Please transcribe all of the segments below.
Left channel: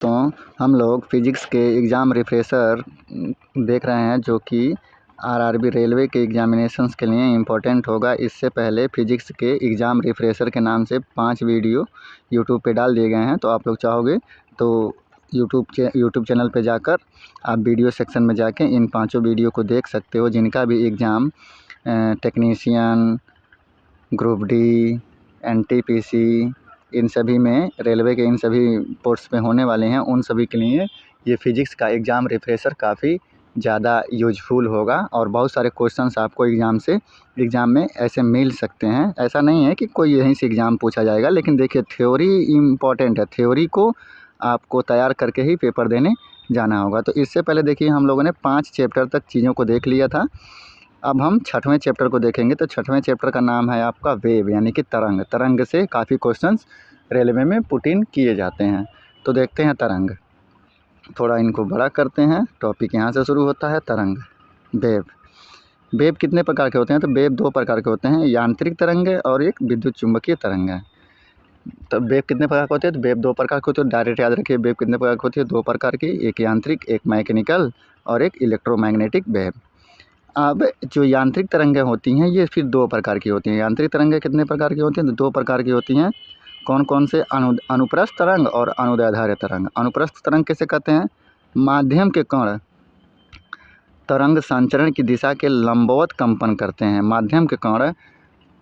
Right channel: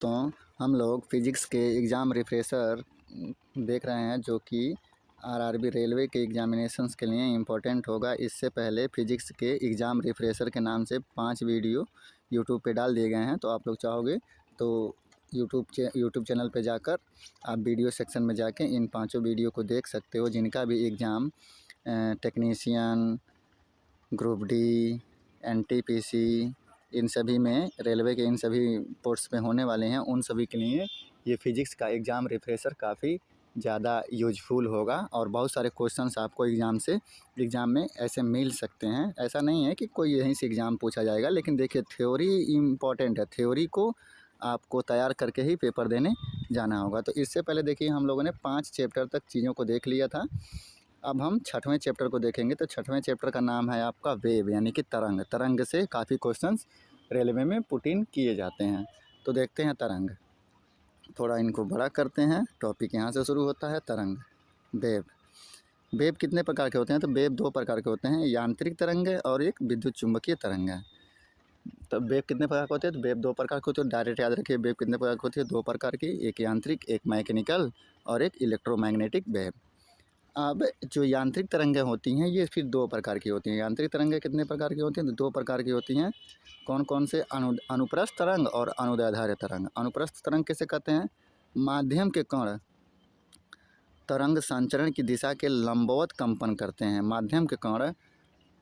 तो हम लोग फिजिक्स के एग्ज़ाम रिफ्रेशर देख रहे हैं जो कि आरआरबी रेलवे के एग्जामिनेशंस के लिए इम्पोर्टेंट होगा। इससे पहले फिजिक्स के एग्ज़ाम रिफ्रेशर के नाम से 5 वीडियो यूट्यूब पे डाल दिए गए हैं। तो आप लोग चाहोगे तो यूट्यूब चैनल पे जाकर आप वीडियो सेक्शन में जाके इन 5 वीडियो को देख सकते हो, जिनका भी exam technician, group D, NTPC, इन सभी में रेलवे के इन सभी पोस्ट पे होने वाले हैं। उन सभी के लिए ये फिजिक्स का एग्ज़ाम रिफ्रेशर काफ़ी ज़्यादा यूजफुल होगा और बहुत सारे क्वेश्चंस आपको एग्ज़ाम में ऐसे मिल सकते हैं। ऐसा नहीं है कि कोई यहीं से एग्ज़ाम पूछा जाएगा, लेकिन देखिए थ्योरी इम्पॉर्टेंट है। थ्योरी को आपको तैयार करके ही पेपर देने जाना होगा। तो इससे पहले देखिए हम लोगों ने 5 चैप्टर तक चीज़ों को देख लिया था। अब हम 6वें चैप्टर को देखेंगे। तो 6वें चैप्टर का नाम है आपका वेव, यानी कि तरंग। तरंग से काफ़ी क्वेश्चंस रेलवे में पुट इन किए जाते हैं। तो देखते हैं तरंग, थोड़ा इनको बड़ा करते हैं। टॉपिक यहाँ से शुरू होता है, तरंग, वेव। वेव कितने प्रकार के होते हैं? तो वेव 2 प्रकार के होते हैं, यांत्रिक तरंग है और एक विद्युत चुंबकीय तरंग है। तो वेव कितने प्रकार के होते हैं? तो वेव 2 प्रकार के होते हैं। डायरेक्ट याद रखिए, वेव कितने प्रकार की होती है? 2 प्रकार की, एक यांत्रिक, एक मैकेनिकल और एक इलेक्ट्रोमैग्नेटिक वेव। अब जो यांत्रिक तरंगें होती हैं ये फिर 2 प्रकार की होती हैं। यांत्रिक तरंगें कितने प्रकार की होती हैं? तो 2 प्रकार की होती हैं। कौन कौन से? अनुप्रस्थ तरंग और अनुदैर्ध्य तरंग। अनुप्रस्थ तरंग किसे कहते हैं? माध्यम के कण तरंग संचरण की दिशा के लंबवत कंपन करते हैं। माध्यम के कण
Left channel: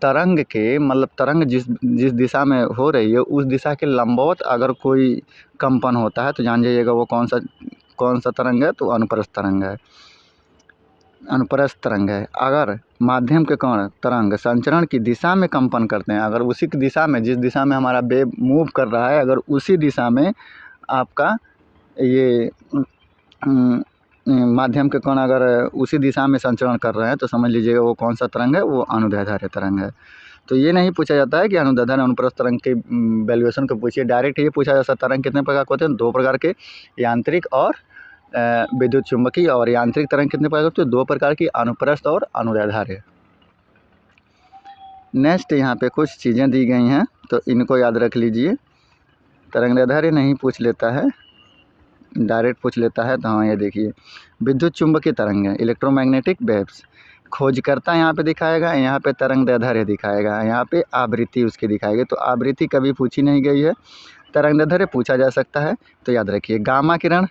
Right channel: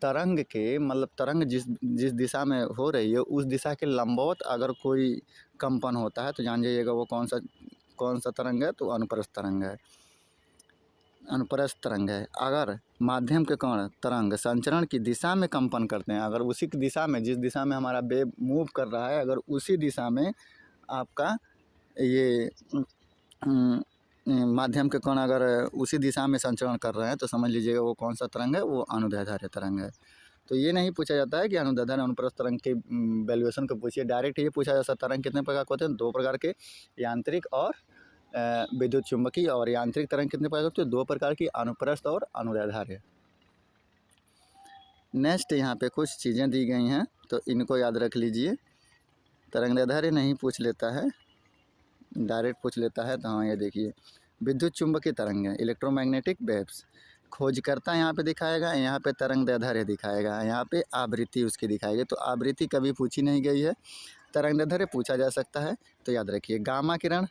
तरंग के मतलब तरंग जिस दिशा में हो रही है उस दिशा के लंबवत अगर कोई कंपन होता है तो जान जाइएगा वो कौन सा तरंग है? तो अनुप्रस्थ तरंग है, अनुप्रस्थ तरंग है। अगर माध्यम के कण तरंग संचरण की दिशा में कंपन करते हैं, अगर उसी की दिशा में, जिस दिशा में हमारा वेव मूव कर रहा है, अगर उसी दिशा में आपका ये माध्यम के कण अगर उसी दिशा में संचरण कर रहे हैं तो समझ लीजिएगा वो कौन सा तरंग है? वो अनुदैर्ध्य तरंग है। तो ये नहीं पूछा जाता है कि अनुदैर्ध्य अनुप्रस्थ तरंग के वैल्यूएशन को पूछिए, डायरेक्ट ये पूछा जाता है तरंग कितने प्रकार के होते हैं? 2 प्रकार के, यांत्रिक और विद्युत चुंबकीय। और यांत्रिक तरंग कितने प्रकार के? 2 प्रकार की, अनुप्रस्थ और अनुदैर्ध्य। नेक्स्ट यहाँ पे कुछ चीज़ें दी गई हैं तो इनको याद रख लीजिए। तरंगदैर्ध्य नहीं पूछ लेता है, डायरेक्ट पूछ लेता है। तो हाँ, ये देखिए विद्युत चुंबकीय तरंग, इलेक्ट्रोमैग्नेटिक वेव्स। खोजकर्ता यहाँ पे दिखाएगा, यहाँ पे तरंगदैर्ध्य दिखाएगा, यहाँ पे आवृत्ति उसकी दिखाएगी। तो आवृत्ति कभी पूछी नहीं गई है, तरंगदैर्ध्य पूछा जा सकता है। तो याद रखिए गामा किरण,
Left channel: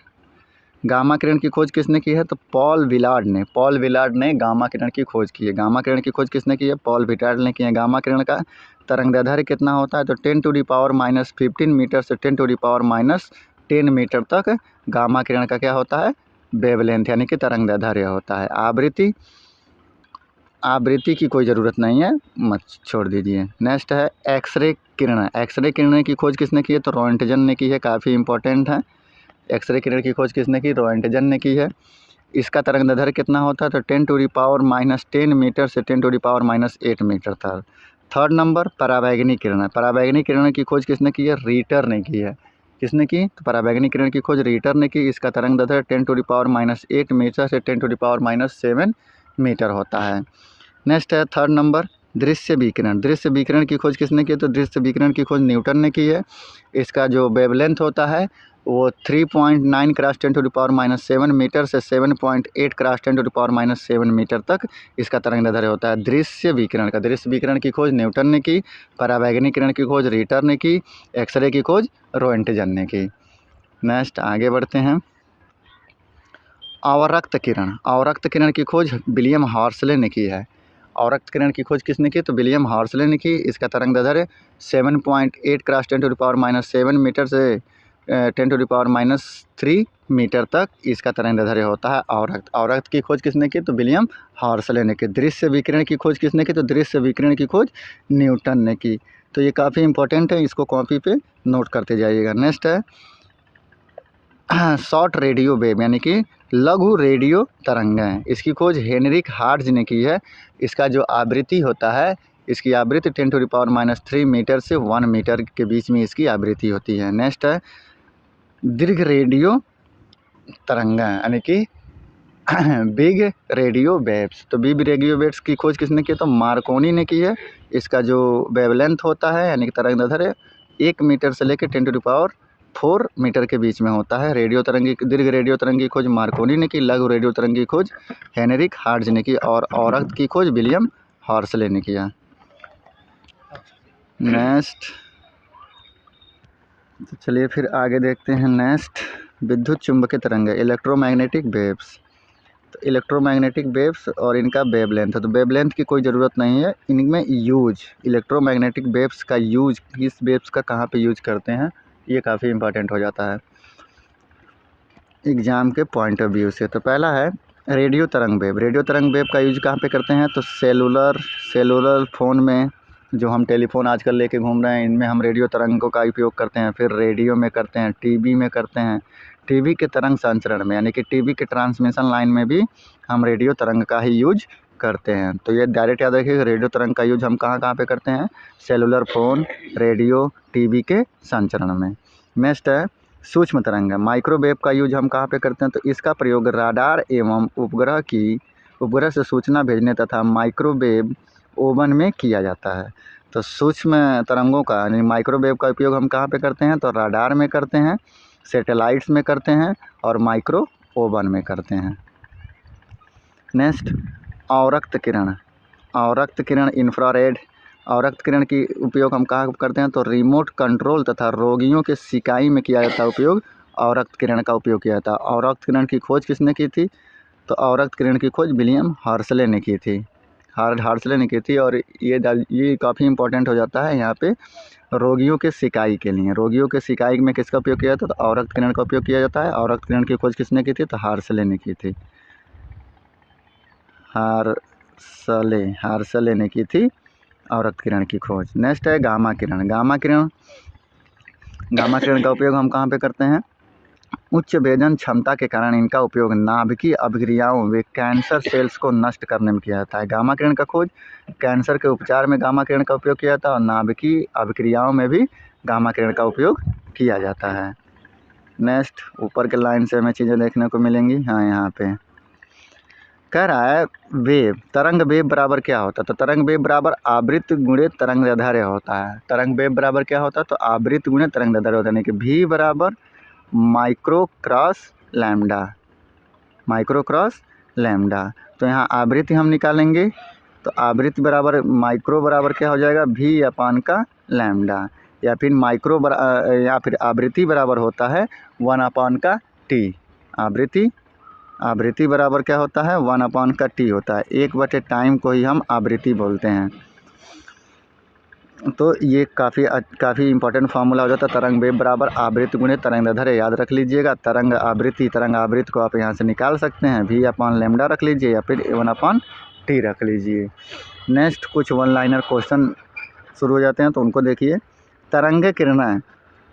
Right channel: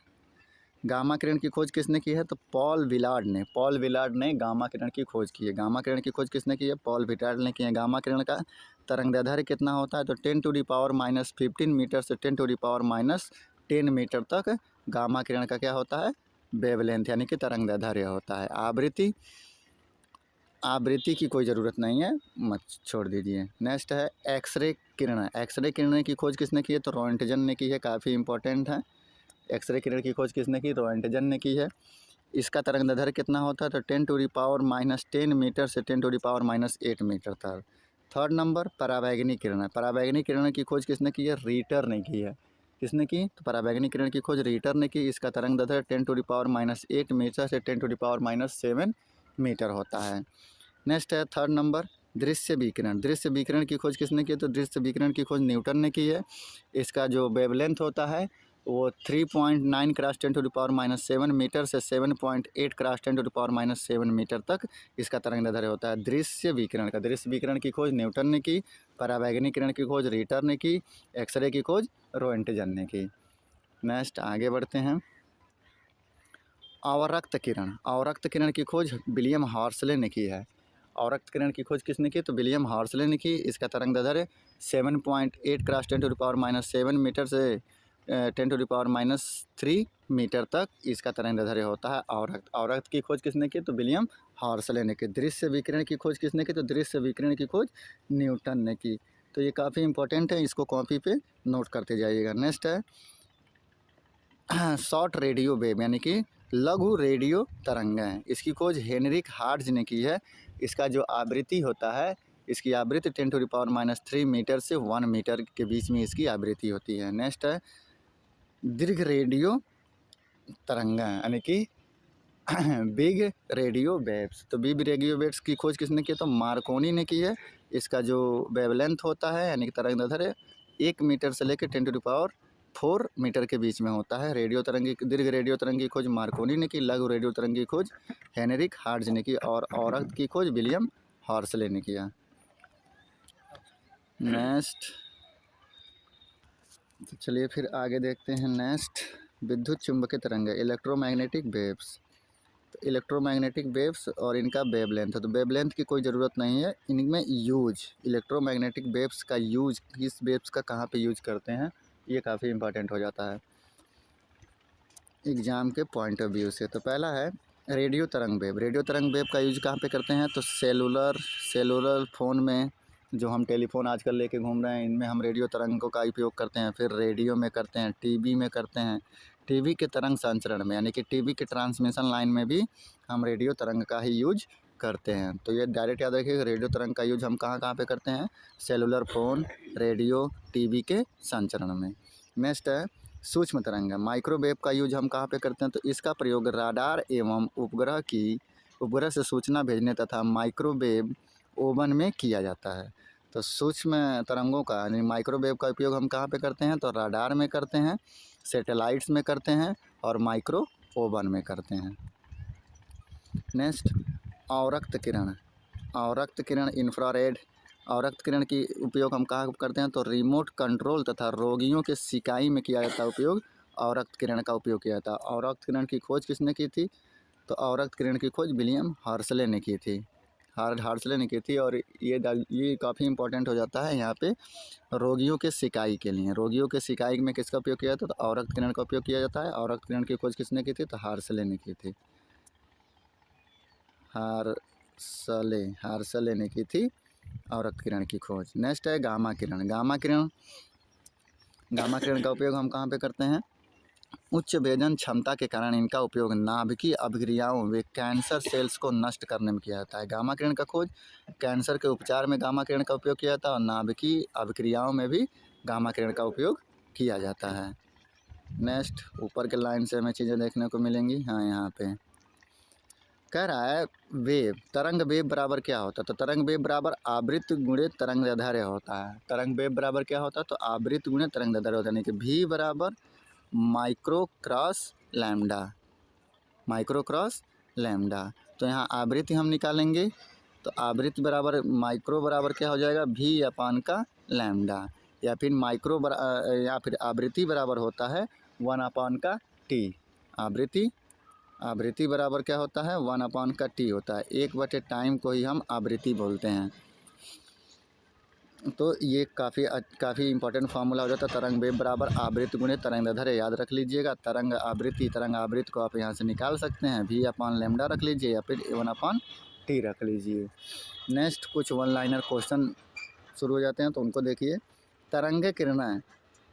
गामा किरण की खोज किसने की है? तो पॉल विलार्ड ने गामा किरण की खोज की है। गामा किरण की खोज किसने की है? पॉल विलार्ड ने की है। गामा किरण का तरंगदैर्ध्य कितना होता है? तो 10⁻⁻15 मीटर से 10⁻⁻10 मीटर तक गामा किरण का क्या होता है? वेवलेंथ, यानी कि तरंगदैर्ध्य होता है। आवृत्ति की कोई ज़रूरत नहीं है, मत छोड़ दीजिए। नेक्स्ट है एक्सरे किरण। एक्सरे किरण की खोज किसने की है? तो रोएंटजन ने की है, काफ़ी इंपॉर्टेंट है। एक्सरे किरण की खोज किसने की? रोएंटजन ने की है। इसका तरंगदैर्ध्य कितना होता है? तो 10⁻10 मीटर से 10⁻8 मीटर तक। 3rd नंबर पराबैंगनी किरण है। पराबैंगनी किरण की खोज किसने की है? रीटर ने की है। किसने की? तो पराबैंगनी किरण की खोज रीटर ने की। इसका तरंगदैर्ध्य 10⁻8 मीटर से 10⁻7 मीटर होता है। नेक्स्ट है 3rd नंबर दृश्य विकिरण। दृश्य विकिरण की खोज किसने की? तो दृश्य विकिरण की खोज न्यूटन ने की है। इसका जो वेवलेंथ होता है वो 3.9 क्रॉस 10⁻7 मीटर से 7.8 क्रॉस 10⁻7 मीटर तक इसका तरंगदैर्ध्य होता है दृश्य विकिरण का। दृश्य विकिरण की खोज न्यूटन ने की, पराबैंगनी किरण की खोज रीटर ने की, एक्सरे की खोज रोएंटजन ने की। नेक्स्ट आगे बढ़ते हैं। अवरक्त किरण। अवरक्त किरण की खोज विलियम हर्शले ने की है। अवरक्त किरण की खोज किसने की? तो विलियम हर्शले ने की। इसका तरंगदैर्ध्य 7.8 क्रॉस 10⁻7 मीटर से 10⁻3 मीटर तक इसका तरंगदैर्ध्य होता है अवरक्त। अवरक्त की खोज किसने की? तो विलियम हर्शले ने की। दृश्य विकिरण की खोज किसने की? तो दृश्य विकिरण की खोज न्यूटन ने की। तो ये काफ़ी इंपॉर्टेंट है, इसको कॉपी पे नोट करते जाइएगा। नेक्स्ट है शॉर्ट रेडियो वेव, यानी कि लघु रेडियो तरंगें। इसकी खोज हेनरिक हार्ट्ज ने की है। इसका जो आवृत्ति होता है, इसकी आवृत्ति 10⁻³ मीटर से 1 मीटर के बीच में इसकी आवृत्ति होती है। नेक्स्ट है दीर्घ रेडियो तरंगें, यानी कि बिग रेडियो वेव्स। तो बिग रेडियो वेव्स की खोज किसने की? तो मार्कोनी ने की है। इसका जो वेवलेंथ होता है, यानी कि तरंगदैर्ध्य 1 मीटर से लेकर 4 मीटर के बीच में होता है। रेडियो तरंग की दीर्घ रेडियो तरंग की खोज मार्कोनी ने की, लघु रेडियो तरंग की खोज हेनरिक हार्ट्ज ने की और औरत की खोज विलियम हॉर्सले ने किया। नेक्स्ट, तो चलिए फिर आगे देखते हैं। नेक्स्ट, विद्युत चुंबकीय तरंग, इलेक्ट्रोमैग्नेटिक वेव्स। तो इलेक्ट्रोमैग्नेटिक वेव्स और इनका वेवलेंथ है। तो वेवलेंथ की कोई ज़रूरत नहीं है, इनमें यूज इलेक्ट्रोमैग्नेटिक वेव्स का यूज, किस वेव्स का कहाँ पे यूज करते हैं, ये काफ़ी इंपॉर्टेंट हो जाता है एग्ज़ाम के पॉइंट ऑफ व्यू से। तो पहला है रेडियो तरंग वेव। रेडियो तरंग वेव का यूज कहाँ पे करते हैं, तो सेलुलर फ़ोन में, जो हम टेलीफोन आजकल लेके घूम रहे हैं, इनमें हम रेडियो तरंगों का उपयोग करते हैं। फिर रेडियो में करते हैं, टीवी में करते हैं, टीवी के तरंग संचरण में, यानी कि टीवी के ट्रांसमिशन लाइन में भी हम रेडियो तरंग का ही यूज करते हैं। तो ये डायरेक्ट याद रखिए, रेडियो तरंग का यूज हम कहाँ कहाँ पे करते हैं, सेलुलर फ़ोन, रेडियो, टीवी के संचरण में। नेक्स्ट है सूक्ष्म तरंग, माइक्रोवेव का यूज हम कहाँ पे करते हैं, तो इसका प्रयोग राडार एवं उपग्रह से सूचना भेजने तथा माइक्रोवेव ओवन में किया जाता है। तो सूक्ष्म तरंगों का यानी माइक्रोवेव का उपयोग हम कहाँ पे करते हैं, तो राडार में करते हैं, सैटेलाइट्स में करते हैं और माइक्रो ओवन में करते हैं। नेक्स्ट, अवरक्त किरण इंफ्रारेड। अवरक्त किरण की उपयोग हम कहाँ करते हैं, तो रिमोट कंट्रोल तथा रोगियों के सिकाई में किया जाता है उपयोग, अवरक्त किरण का उपयोग किया जाता है। अवरक्त किरण की खोज किसने की थी, तो अवरक्त किरण की खोज विलियम हर्सले ने की थी, हर्सले ने की थी। और ये काफ़ी इंपॉर्टेंट हो जाता है यहाँ पे रोगियों के सिकाई के लिए। रोगियों के सिकाई में किसका उपयोग किया जाता है, तो अवरक्त किरण का उपयोग किया जाता है। अवरक्त किरण की खोज किसने की थी, तो हर्सले ने की थी, हार्सले ने की थी अवरक्त किरण की खोज। नेक्स्ट है गामा किरण। गामा किरण का उपयोग हम कहाँ पे करते हैं, उच्च भेदन क्षमता के कारण इनका उपयोग नाभिकीय अभिक्रियाओं व कैंसर सेल्स को नष्ट करने में किया जाता है। गामा किरण का खोज कैंसर के उपचार में गामा किरण का उपयोग किया जाता है और नाभिकीय अभिक्रियाओं में भी गामा किरण का उपयोग किया जाता है। नेक्स्ट, ऊपर के लाइन से हमें चीज़ें देखने को मिलेंगी। हाँ, यहाँ पे कह रहा है वेव, तरंग वेव बराबर क्या होता है, तो तरंग वेव बराबर आवृत्ति गुणे तरंग दैर्ध्य होता है। तरंग वेव बराबर क्या होता है, तो आवृत्ति गुणे तरंग दैर्ध्य होता है, यानी कि v बराबर माइक्रो क्रॉस लैम्डा। तो यहाँ आवृत्ति हम निकालेंगे, तो आवृत्ति बराबर माइक्रो बराबर क्या हो जाएगा, v अपान का लैम्डा, या फिर आवृत्ति बराबर होता है 1 अपान का t। आवृत्ति बराबर क्या होता है, 1 अपान का t होता है। 1/टाइम को ही हम आवृत्ति बोलते हैं। तो ये काफ़ी इंपॉर्टेंट फार्मूला हो जाता है। तरंग वेव बराबर आवृत्ति गुणे तरंग दैर्ध्य, याद रख लीजिएगा। तरंग आवृत्ति को आप यहाँ से निकाल सकते हैं, v अपान लैम्डा रख लीजिए या फिर 1 अपान t रख लीजिए। नेक्स्ट, कुछ वन लाइनर क्वेश्चन शुरू हो जाते हैं, तो उनको देखिए। तरंग किरणें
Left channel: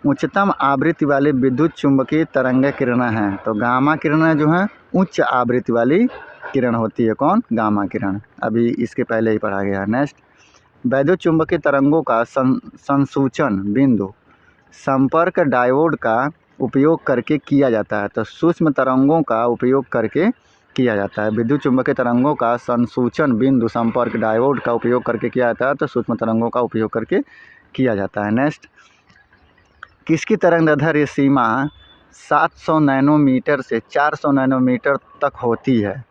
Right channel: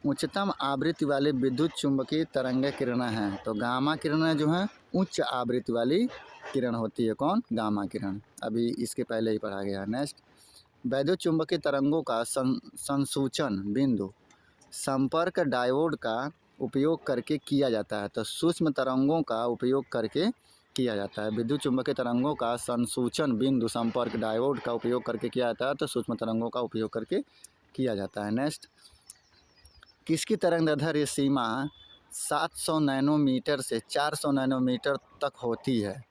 उच्चतम आवृत्ति वाली विद्युत चुंबकीय तरंग किरणें हैं। तो गामा किरणें जो हैं उच्च आवृत्ति वाली किरण होती है। कौन, गामा किरण, अभी इसके पहले ही पढ़ा गया है। नेक्स्ट, वैद्युत चुंबकीय तरंगों का संसूचन बिंदु संपर्क डायोड का उपयोग करके किया जाता है। तो सूक्ष्म तरंगों का उपयोग करके किया जाता है। विद्युत चुंबकीय तरंगों का संसूचन बिंदु संपर्क डायोड का उपयोग करके किया जाता है, तो सूक्ष्म तरंगों का उपयोग करके किया जाता है। नेक्स्ट, किसकी तरंग दैर्ध्य सीमा 700 नैनोमीटर से 400 नैनोमीटर तक होती है।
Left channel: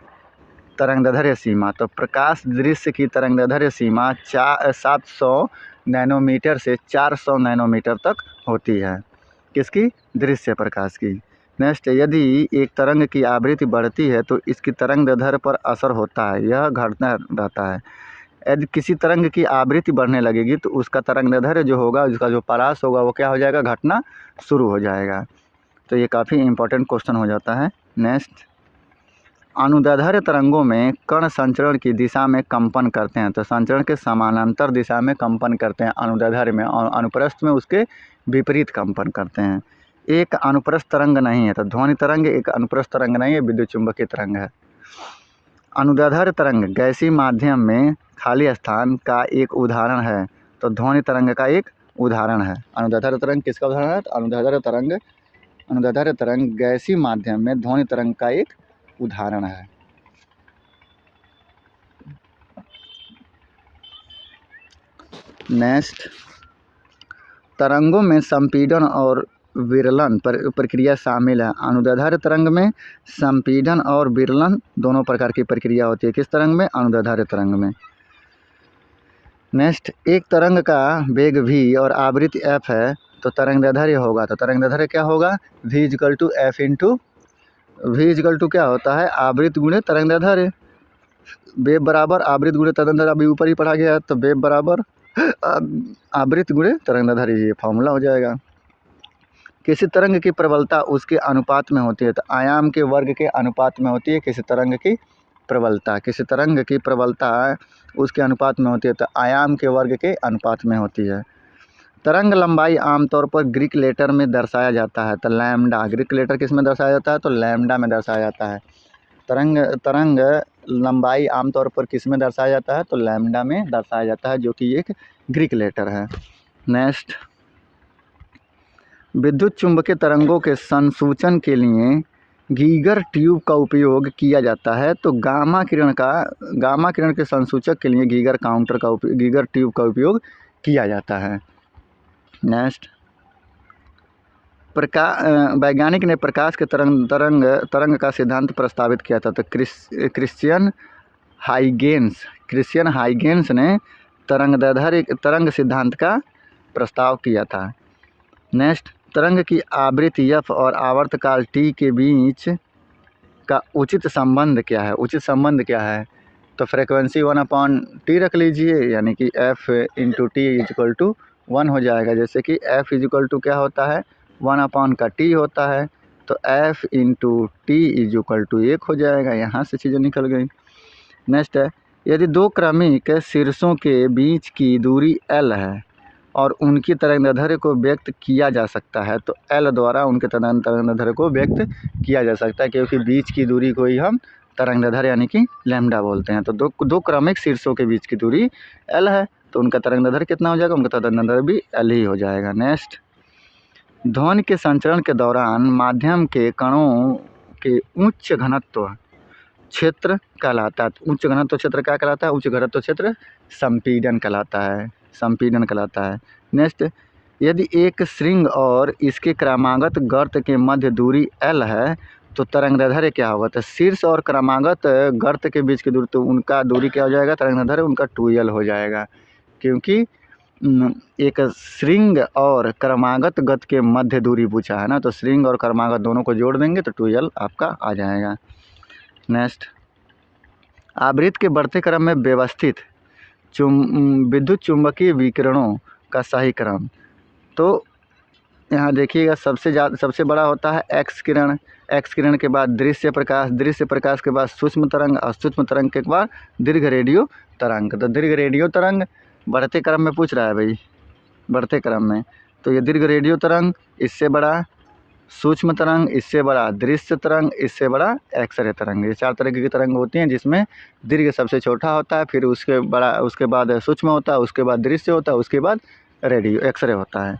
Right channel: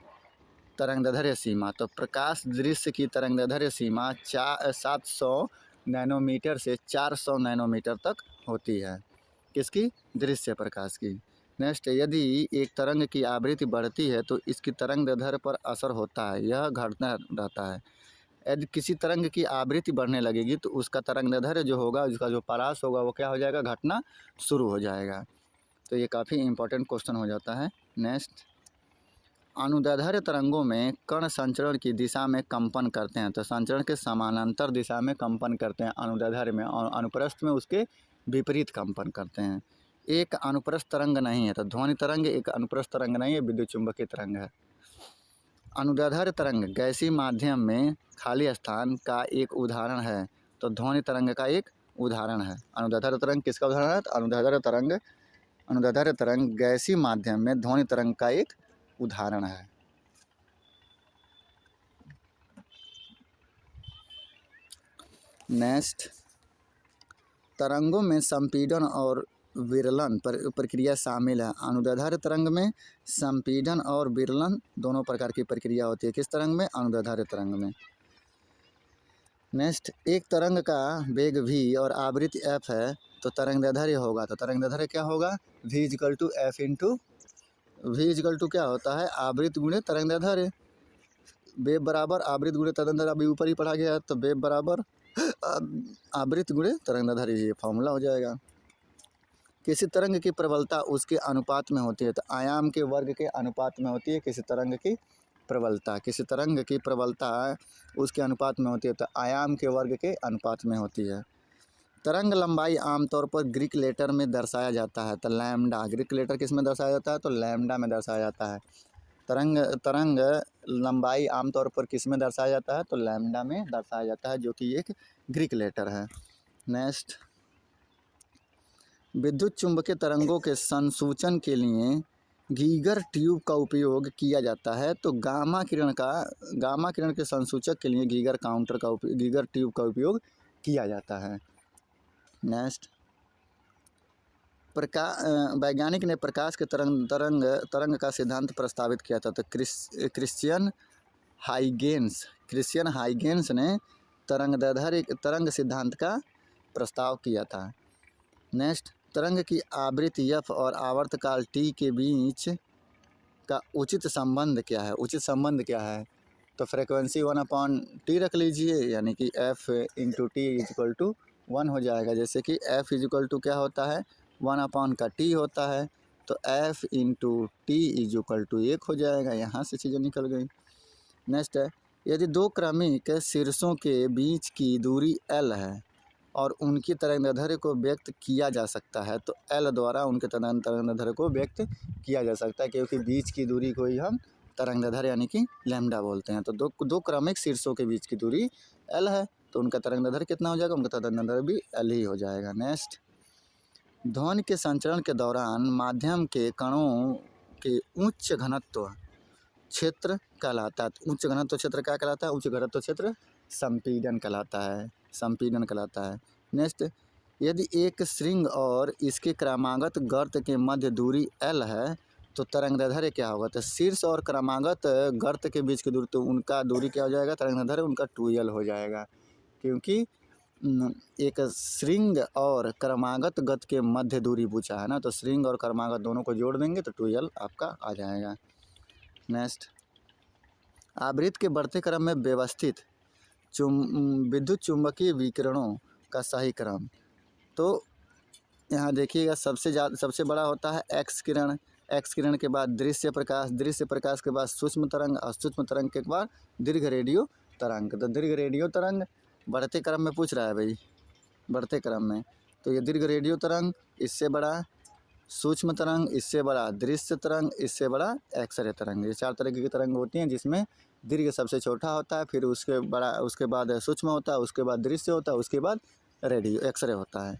तरंग दैर्ध्य सीमा, तो प्रकाश दृश्य की तरंग दैर्ध्य सीमा 700 नैनोमीटर से 400 नैनोमीटर तक होती है। किसकी, दृश्य प्रकाश की। नेक्स्ट, यदि एक तरंग की आवृत्ति बढ़ती है तो इसकी तरंग दैर्ध्य पर असर होता है, यह घटना रहता है। यदि किसी तरंग की आवृत्ति बढ़ने लगेगी तो उसका तरंग दैर्ध्य जो होगा, उसका जो परास होगा, वो क्या हो जाएगा, घटना शुरू हो जाएगा। तो ये काफ़ी इंपॉर्टेंट क्वेश्चन हो जाता है। नेक्स्ट, अनुदैर्ध्य तरंगों में कण संचरण की दिशा में कंपन करते हैं। तो संचरण के समानांतर दिशा में कंपन करते हैं अनुदैर्ध्य में, और अनुप्रस्थ में उसके विपरीत कंपन करते हैं। एक अनुप्रस्थ तरंग नहीं है, तो ध्वनि तरंग एक अनुप्रस्थ तरंग नहीं है, विद्युत चुंबकीय तरंग है। अनुदैर्ध्य तरंग गैसीय माध्यम में खाली स्थान का एक उदाहरण है, तो ध्वनि तरंग का एक उदाहरण है। अनुदैर्ध्य तरंग किसका उदाहरण है, तो अनुदैर्ध्य तरंग गैसीय माध्यम में ध्वनि तरंग का एक उदाहरण है। नेक्स्ट, तरंगों में संपीड़न और विरलन प्रक्रिया शामिल है। अनुदैर्ध्य तरंग में संपीड़न और विरलन दोनों प्रकार की प्रक्रिया होती है। किस तरंग में? अनुदैर्ध्य तरंग में। नेक्स्ट, एक तरंग का वेग v और आवृत्ति f है तो तरंगदैर्ध्य होगा, तो तरंगदैर्ध्य क्या होगा? v is equal to F into v is equal to क्या होता है? आवृत्ति गुणे तरंगदैर्ध्य। वेग बराबर आवृत्ति गुणे तरंगदैर्ध्य, अभी ऊपर ही पढ़ा गया है, तो वेग बराबर आवृत्ति गुणे तरंगदैर्ध्य, ये फॉर्मूला हो जाएगा। किसी तरंग की प्रबलता उसके अनुपात में होती है, तो आयाम के वर्ग के अनुपात में होती है किसी तरंग की प्रबलता। किसी तरंग की प्रबलता उसके अनुपात में होती है, तो आयाम के वर्ग के अनुपात में होती है। तरंग लंबाई आमतौर पर ग्रीक लेटर में दर्शाया जाता है, तो लैम्डा। ग्रीक लेटर किस में दर्शाया जाता है? तो लैम्डा में दर्शाया जाता है। तरंग लंबाई आमतौर पर किस में दर्शाया जाता है? तो लैम्डा में दर्शाया जाता है, जो कि एक ग्रीक लेटर है। नेक्स्ट, विद्युत चुम्बकीय तरंगों के संसूचन के लिए गीगर ट्यूब का उपयोग किया जाता है, तो गामा किरण के संसूचक के लिए गीगर ट्यूब का उपयोग किया जाता है। नेक्स्ट, वैज्ञानिक ने प्रकाश के तरंग का सिद्धांत प्रस्तावित किया था, तो क्रिश्चियन हाइगेन्स ने तरंग सिद्धांत का प्रस्ताव किया था। नेक्स्ट, तरंग की आवृत्ति f और आवर्तकाल t के बीच का उचित संबंध क्या है? उचित संबंध क्या है? तो फ्रीक्वेंसी 1/t रख लीजिए, यानी कि f into T is equal to 1 हो जाएगा। जैसे कि f इजक्वल टू क्या होता है? 1/t होता है, तो f into T is equal to 1 हो जाएगा। यहाँ से चीज़ें निकल गई। नेक्स्ट है, यदि दो क्रमिक शीर्षों के बीच की दूरी l है और उनकी तरंगदैर्ध्य को व्यक्त किया जा सकता है, तो L द्वारा उनके तरंगदैर्ध्य को व्यक्त किया जा सकता है, क्योंकि बीच की दूरी को ही हम तरंगदैर्ध्य यानी कि लैम्डा बोलते हैं। तो दो क्रमिक शीर्षों के बीच की दूरी L है, तो उनका तरंगदैर्ध्य कितना हो जाएगा? उनका तरंगदैर्ध्य भी L ही हो जाएगा। नेक्स्ट, ध्वनि के संचरण के दौरान माध्यम के कणों के उच्च घनत्व क्षेत्र कहलाता है। उच्च घनत्व क्षेत्र क्या कहलाता है? उच्च घनत्व क्षेत्र संपीड़न कहलाता है। नेक्स्ट, यदि एक श्रृंग और इसके क्रमागत गर्त के मध्य दूरी L है, तो तरंगदैर्ध्य क्या होगा? तो शीर्ष और क्रमागत गर्त के बीच की दूरी, तो उनका दूरी क्या हो जाएगा? तरंगदैर्ध्य उनका 2L हो जाएगा, क्योंकि एक श्रृंग और क्रमागत गत के मध्य दूरी पूछा है ना, तो श्रृंग और क्रमागत दोनों को जोड़ देंगे तो 2L आपका आ जाएगा। नेक्स्ट, आवृत्ति के बढ़ते क्रम में व्यवस्थित विद्युत चुम्बकीय विकिरणों का सही क्रम, तो यहाँ देखिएगा सबसे बड़ा होता है एक्स किरण के बाद दृश्य प्रकाश के बाद सूक्ष्म तरंग और सूक्ष्म तरंग के बाद दीर्घ रेडियो तरंग। तो दीर्घ रेडियो तरंग बढ़ते क्रम में पूछ रहा है भाई, बढ़ते क्रम में, तो ये दीर्घ रेडियो तरंग, इससे बड़ा सूक्ष्म तरंग, इससे बड़ा दृश्य तरंग, इससे बड़ा एक्सरे तरंग। ये 4 तरह की तरंग होती हैं, जिसमें दीर्घ सबसे छोटा होता है, फिर उसके बाद सूक्ष्म होता है, उसके बाद दृश्य होता है, उसके बाद रेडियो एक्सरे होता है।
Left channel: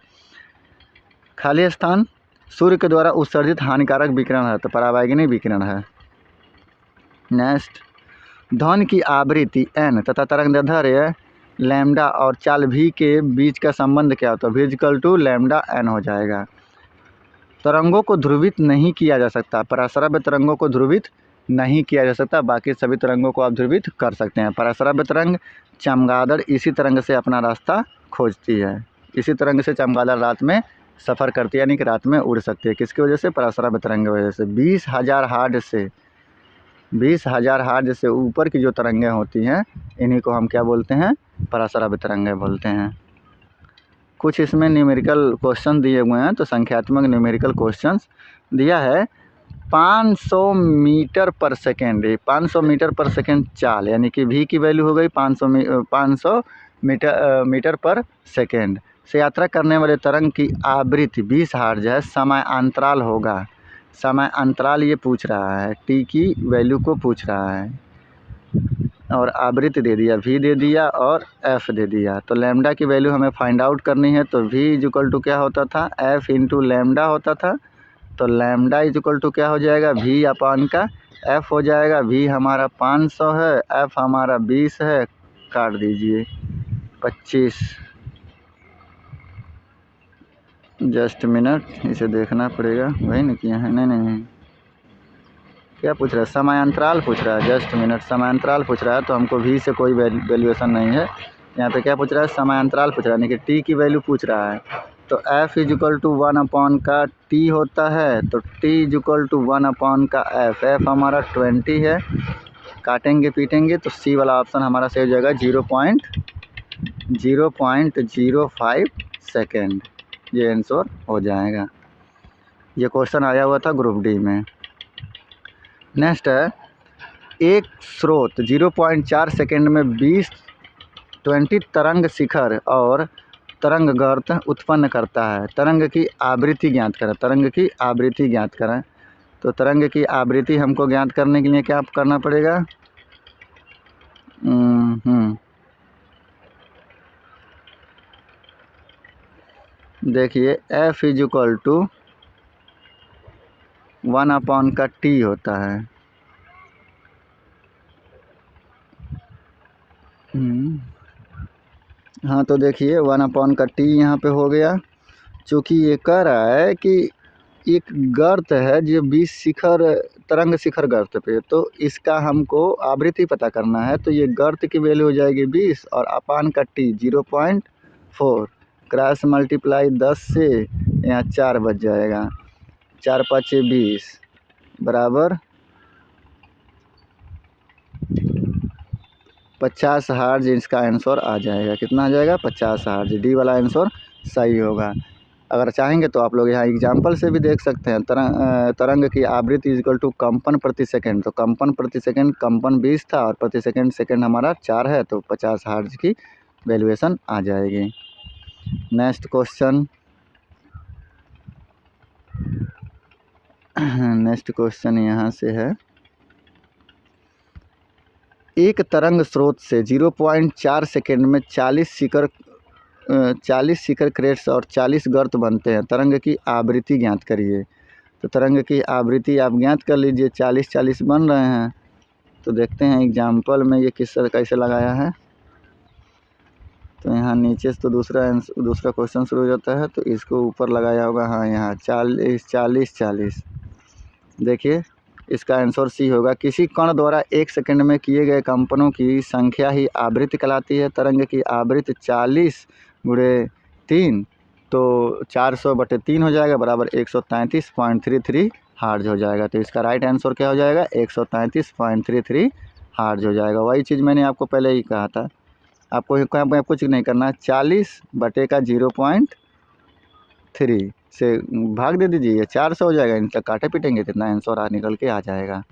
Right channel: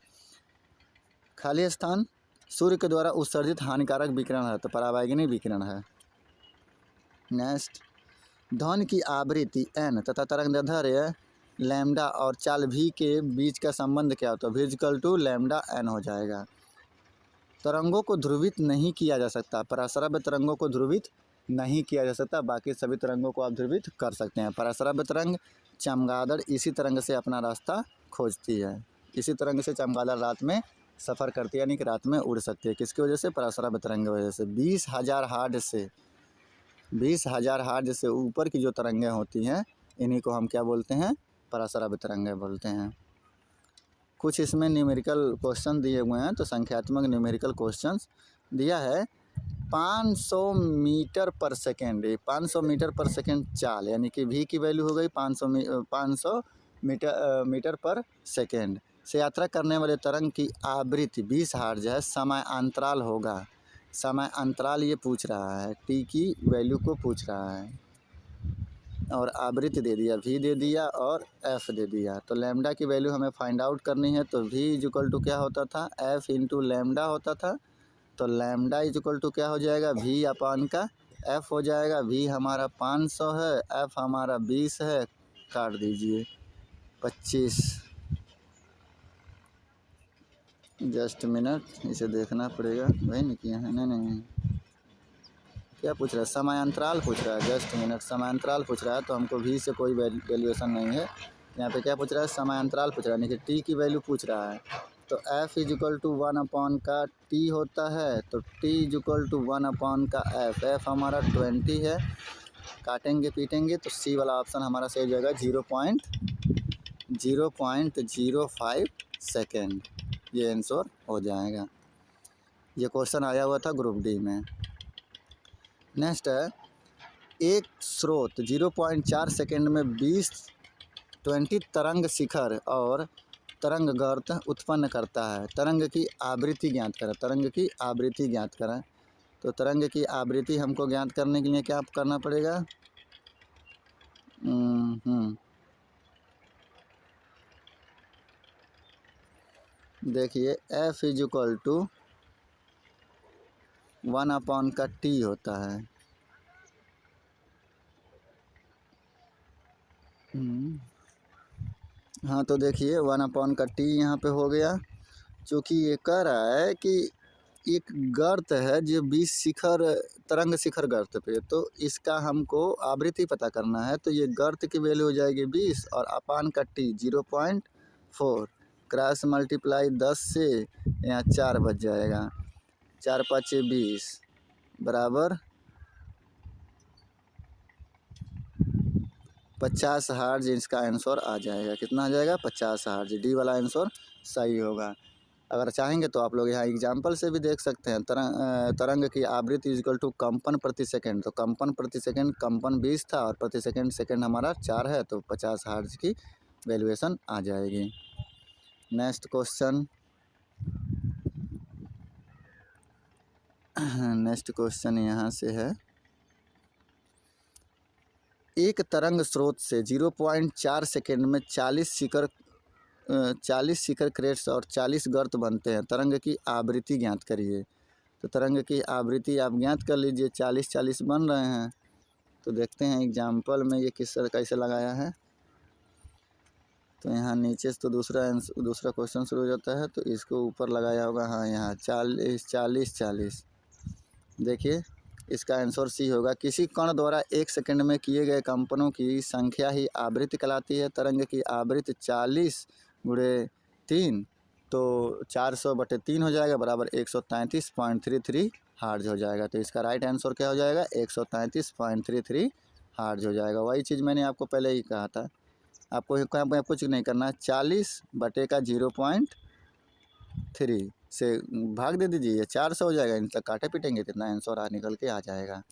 खाली स्थान सूर्य के द्वारा उत्सर्जित हानिकारक विकिरण है, तो परावैंगनी विकिरण है। नेक्स्ट, ध्वनि की आवृत्ति n तथा तरंगदैर्ध्य लैम्डा और चाल v के बीच का संबंध क्या होता है? v equal to lambda n हो जाएगा। तरंगों को ध्रुवित नहीं किया जा सकता, पराश्रव्य तरंगों को ध्रुवित नहीं किया जा सकता, बाकी सभी तरंगों को आप ध्रुवित कर सकते हैं। पराश्रव्य तरंग चमगादड़ इसी तरंग से अपना रास्ता खोजती है, इसी तरंग से चमगादड़ रात में सफ़र करती है, यानी कि रात में उड़ सकती है। किसकी वजह से? पराश्रव्य तरंग की वजह से। 20,000 हार्ज से ऊपर की जो तरंगें होती हैं, इन्हीं को हम क्या बोलते हैं? पराश्रव्य तरंगें बोलते हैं। कुछ इसमें न्यूमेरिकल क्वेश्चन दिए हुए हैं, तो संख्यात्मक न्यूमेरिकल क्वेश्चंस दिया है। 500 मीटर पर सेकेंड, 500 मीटर पर सेकेंड चाल, यानी कि v की वैल्यू हो गई 500 मीटर पर सेकेंड से यात्रा करने वाले तरंग की आवृत्ति 20 हर्ट्ज है। समय अंतराल होगा, समय अंतराल ये पूछ रहा है, t की वैल्यू को पूछ रहा है, और आवृत्ति दे दिया, v दे दिया और f दे दिया। तो लैम्डा की वैल्यू हमें फाइंड आउट करनी है, तो v इक्वल टू क्या होता था? f इंटू लैम्डा होता था। तो लैम्डा इक्वल टू क्या हो जाएगा? v अपान का f हो जाएगा। v हमारा 500 है, f हमारा 20 है, काट दीजिए 25। जस्ट मिनट, इसे देखना पड़ेगा। वही ना किया है? नहीं नहीं नहीं, क्या पूछ रहा है? समयांतराल पूछ रहा है। जस्ट मिनट, समयांतराल पूछ रहा है तो हमको भी से कोई वैल्यूएशन नहीं है। यहाँ पे क्या पूछ रहा है? समयांतराल पूछ रहा है, यानी कि टी की वैल्यू पूछ रहा है। तो एफ इज इक्वल टू 1 का टी होता है, तो टी इज इक्वल टू 1 का एफ। एफ हमारा 20 है, काटेंगे पीटेंगे तो सी वाला ऑप्शन हमारा सही हो जाएगा 0.05 सेकेंड। ये आंसर हो जाएगा। ये क्वेश्चन आया हुआ था ग्रुप डी में। नेक्स्ट है, एक स्रोत 0.4 सेकेंड में 20 तरंग शिखर और तरंग गर्त उत्पन्न करता है। तरंग की आवृत्ति ज्ञात करें। तरंग की आवृत्ति ज्ञात करें। तो तरंग की आवृत्ति हमको ज्ञात करने के लिए क्या करना पड़ेगा? देखिए, एफ इज इक्वल टू 1 का टी होता है। हाँ, तो देखिए 1 का टी यहाँ पे हो गया। चूँकि ये कह रहा है कि एक गर्त है जो 20 शिखर, तरंग शिखर गर्त पे, तो इसका हमको आवृत्ति पता करना है। तो ये गर्त की वैल्यू हो जाएगी 20 और अपान का टी 0.4, क्रॉस मल्टीप्लाई 10 से यहाँ 4 बच जाएगा। 4 5 20 बराबर 50 हर्ट्ज। इसका आंसर आ जाएगा। कितना आ जाएगा? 50 हर्ट्ज। डी वाला आंसर सही होगा। अगर चाहेंगे तो आप लोग यहाँ एग्जाम्पल से भी देख सकते हैं। तरंग की आवृत्ति इज इक्वल टू कंपन प्रति सेकंड। तो कंपन प्रति सेकंड, कंपन 20 था और प्रति सेकंड सेकंड हमारा 4 है, तो 50 हर्ट्ज की वैल्यूएशन आ जाएगी। नेक्स्ट क्वेश्चन, नेक्स्ट क्वेश्चन यहाँ से है, एक तरंग स्रोत से 0.4 सेकेंड में 40 शिखर क्रेट्स और 40 गर्त बनते हैं। तरंग की आवृत्ति ज्ञात करिए। तो तरंग की आवृत्ति आप ज्ञात कर लीजिए। 40 बन रहे हैं। तो देखते हैं एग्जाम्पल में ये कैसे लगाया है। तो यहाँ नीचे से तो दूसरा क्वेश्चन शुरू हो जाता है, तो इसको ऊपर लगाया होगा। हाँ, यहाँ 40। देखिए, इसका आंसर सी होगा। किसी कण द्वारा 1 सेकंड में किए गए कंपनों की संख्या ही आवृत्ति कहलाती है। तरंग की आवृत्ति 40 गुणे 3, तो 400/3 हो जाएगा, बराबर 133.33 हर्ट्ज हो जाएगा। तो इसका राइट आंसर क्या हो जाएगा? 133.33 हर्ट्ज हो जाएगा। वही चीज़ मैंने आपको पहले ही कहा था। आपको कुछ नहीं करना। 40/0.3 से भाग दे दीजिए, 400 हो जाएगा। इन तक काटे पीटेंगे कितना आंसर निकल के आ जाएगा।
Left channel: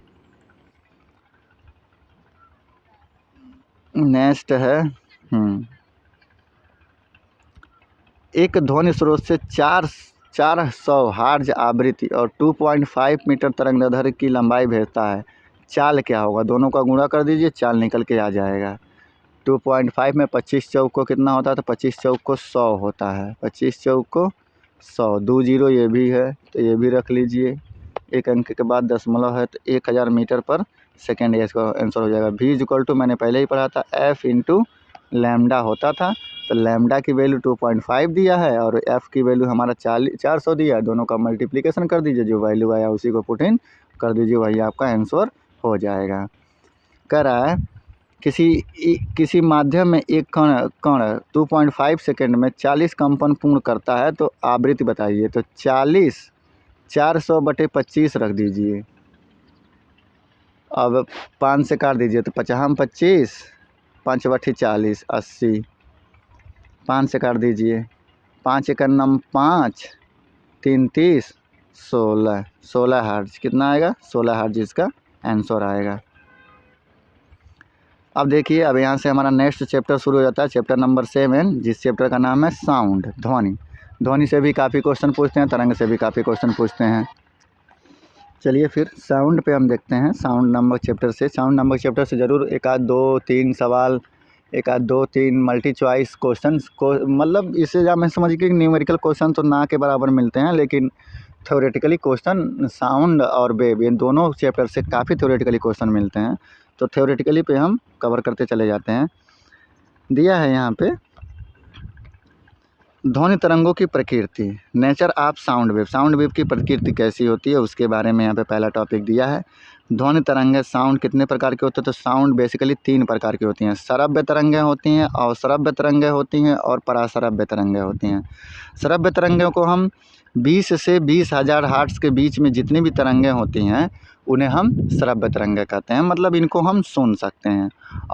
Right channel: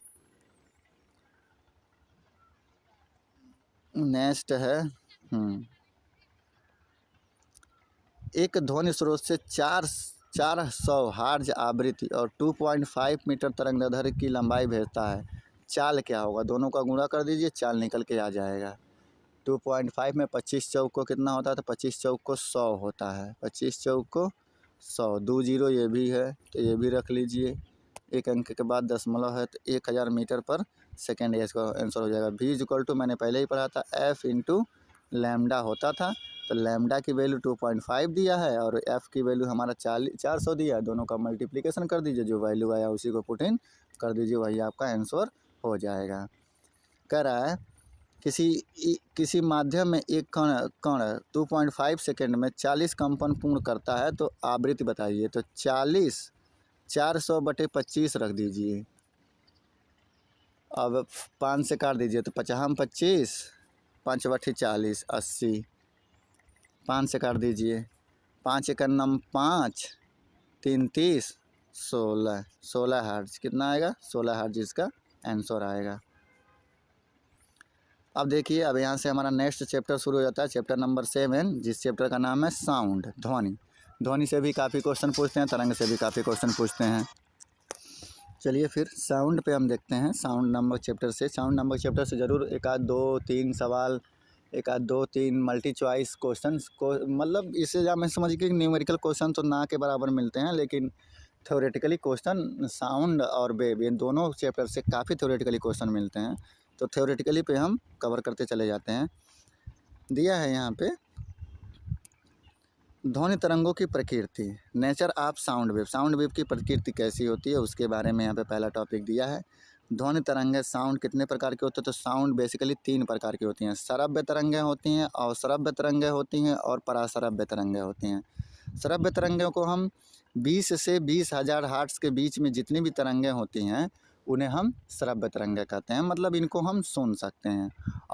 नेक्स्ट है, एक ध्वनि स्रोत से 400 हर्ट्ज आवृत्ति और 2.5 मीटर तरंगदैर्घ्य की लंबाई भेजता है। चाल क्या होगा? दोनों का गुणा कर दीजिए, चाल निकल के आ जाएगा। 2.5 में 25 चौक को कितना होता है? तो 25 चौक को 100 होता है। 25 चौक को 100, 2 जीरो ये भी है, तो ये भी रख लीजिए। एक अंक के बाद दशमलव है, तो 1000 मीटर पर सेकेंड इसका आंसर हो जाएगा। v इक्वल टू मैंने पहले ही पढ़ा था, f इंटू लैम्डा होता था। तो लैम्डा की वैल्यू 2.5 दिया है और f की वैल्यू हमारा 400 दिया है। दोनों का मल्टीप्लिकेशन कर दीजिए, जो वैल्यू आया उसी को पुट इन कर दीजिए, वही आपका आंसर हो जाएगा। कह रहा है, किसी माध्यम में एक कण 2.5 सेकेंड में 40 कंपन पूर्ण करता है, तो आवृत्ति बताइए। तो 400/25 रख दीजिए। अब 5 से काट दीजिए, तो 50 25, 5/40 80। 5 से काट दीजिए, 5 1 9 5, 3 30, 16 हर्ट्ज। कितना आएगा? 16 हर्ट्ज इसका आंसर आएगा। अब देखिए, अब यहाँ से हमारा नेक्स्ट चैप्टर शुरू हो जाता है, चैप्टर नंबर 7, जिस चैप्टर का नाम है साउंड, ध्वनि। ध्वनि से भी काफ़ी क्वेश्चन पूछते हैं, तरंग से भी काफ़ी क्वेश्चन पूछते हैं। चलिए फिर साउंड पे हम देखते हैं। साउंड नंबर चैप्टर से ज़रूर एक आध 2-3 सवाल, एक आध 2-3 मल्टी चॉइस क्वेश्चन को, मतलब इससे हमें समझिए कि न्यूमेरिकल क्वेश्चन तो ना के बराबर मिलते हैं, लेकिन थ्योरेटिकली क्वेश्चन साउंड और वेव, ये दोनों चैप्टर से काफ़ी थ्योरेटिकली क्वेश्चन मिलते हैं। तो थ्योरेटिकली पे हम कवर करते चले जाते हैं। दिया है यहाँ पे ध्वनि तरंगों की प्रकृति, nature of sound wave. Sound wave की प्रकृति कैसी होती है उसके बारे में यहाँ पे पहला टॉपिक दिया है। ध्वनि तरंगें, साउंड कितने प्रकार के होते हैं? तो साउंड बेसिकली 3 प्रकार की होती हैं। श्रव्य तरंगें होती हैं, अश्रव्य तरंगें होती हैं और पराश्रव्य तरंगें होती हैं। श्रव्य तरंगों को हम 20 से 20,000 हर्ट्ज के बीच में जितनी भी तरंगें होती हैं उन्हें हम श्रव्य तरंगें कहते हैं, मतलब इनको हम सुन सकते हैं।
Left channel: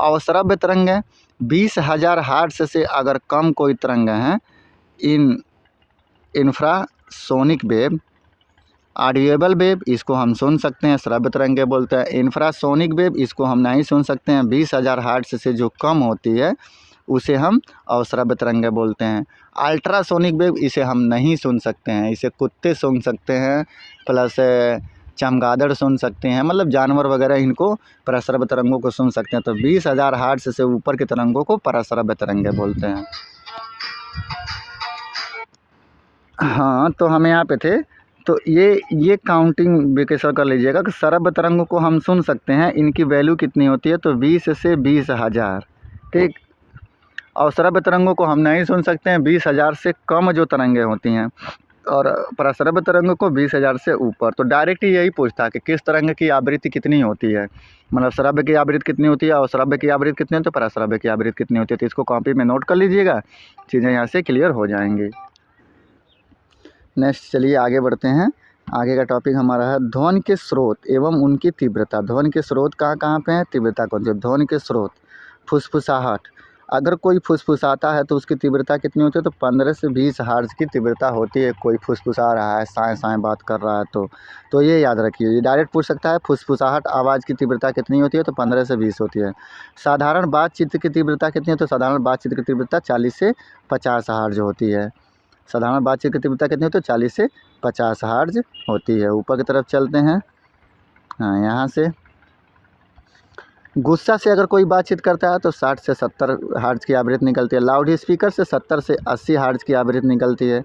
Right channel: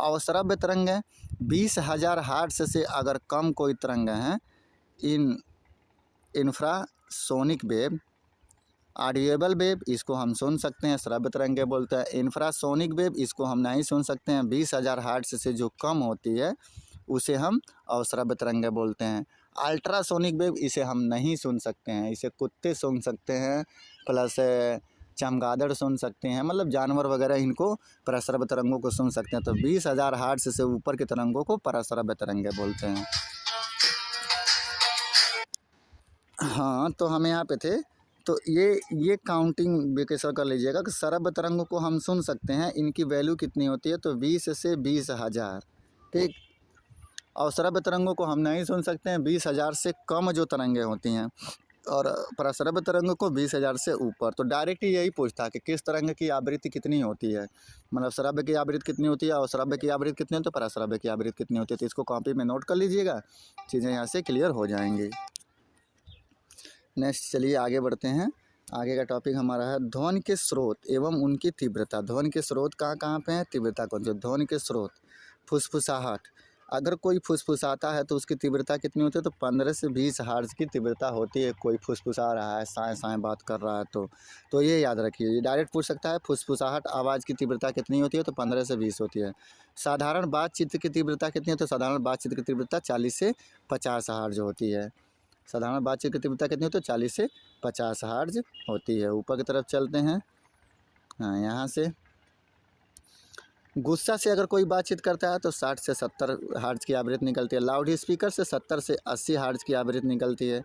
अश्रव्य तरंगें 20,000 हर्ट्ज से अगर कम कोई तरंगें हैं, इंफ्रासोनिक वेव, ऑडिएबल वेव, इसको हम सुन सकते हैं, श्रव्य तरंगें बोलते हैं। इंफ्रासोनिक वेव इसको हम नहीं सुन सकते हैं, 20,000 हर्ट्ज से जो कम होती है उसे हम अश्रव्य तरंगें बोलते हैं। अल्ट्रासोनिक वेव इसे हम नहीं सुन सकते हैं, इसे कुत्ते सुन सकते हैं, प्लस चमगादड़ सुन सकते हैं, मतलब जानवर वगैरह इनको पराश्रव्य तरंगों को सुन सकते हैं। तो 20,000 हर्ट्ज से ऊपर की तरंगों को पराश्रव्य तरंगें बोलते हैं। हाँ, तो हम यहाँ पे थे, तो ये काउंटिंग बेकसर कर लीजिएगा कि श्रव्य तरंगों को हम सुन सकते हैं, इनकी वैल्यू कितनी होती है? तो 20 से 20,000, ठीक। और श्रव्य तरंगों को हम नहीं सुन सकते हैं, 20,000 से कम जो तरंगें होती हैं, और पराश्रव्य तरंगों को 20,000 से ऊपर। तो डायरेक्ट यही पूछता है कि किस तरंग की आवृत्ति कितनी होती है, मतलब श्रव्य की आवृत्ति कितनी होती है और श्रव्य की आवृत्ति कितनी होती है, पराश्रव्य की आवृत्ति कितनी होती है। तो इसको कॉपी में नोट कर लीजिएगा, चीज़ें यहाँ से क्लियर हो जाएंगी। नेक्स्ट चलिए आगे बढ़ते हैं। आगे का टॉपिक हमारा है ध्वनि के स्रोत एवं उनकी तीव्रता। ध्वनि के स्रोत कहाँ कहाँ पे हैं, तीव्रता कौन सी? ध्वनि के स्रोत, फुसफुसाहट, अगर कोई फुसफुसाता है तो उसकी तीव्रता कितनी होती है? तो 15 से 20 हर्ट्ज की तीव्रता होती है। कोई फुसफुसा रहा है, साएँ साएँ बात कर रहा है तो ये याद रखिए, ये डायरेक्ट पूछ सकता है फुसफुसाहट आवाज़ की तीव्रता कितनी होती है? तो 15 से 20 होती है। साधारण बातचीत की तीव्रता कितनी है? तो साधारण बातचीत की तीव्रता 40 से 50 हर्ट्ज होती है। साधारण बातचीत की तीव्रता कितनी होती है? 40 से 50 हर्ट्ज होती है। ऊपर की तरफ चलते हैं। हाँ, यहाँ से गुस्सा से अगर कोई बातचीत करता है तो 60 से 70 हर्ट्ज की आवृत्ति निकलती है। लाउड स्पीकर से 70 से 80 हर्ट्ज की आवृत्ति निकलती है।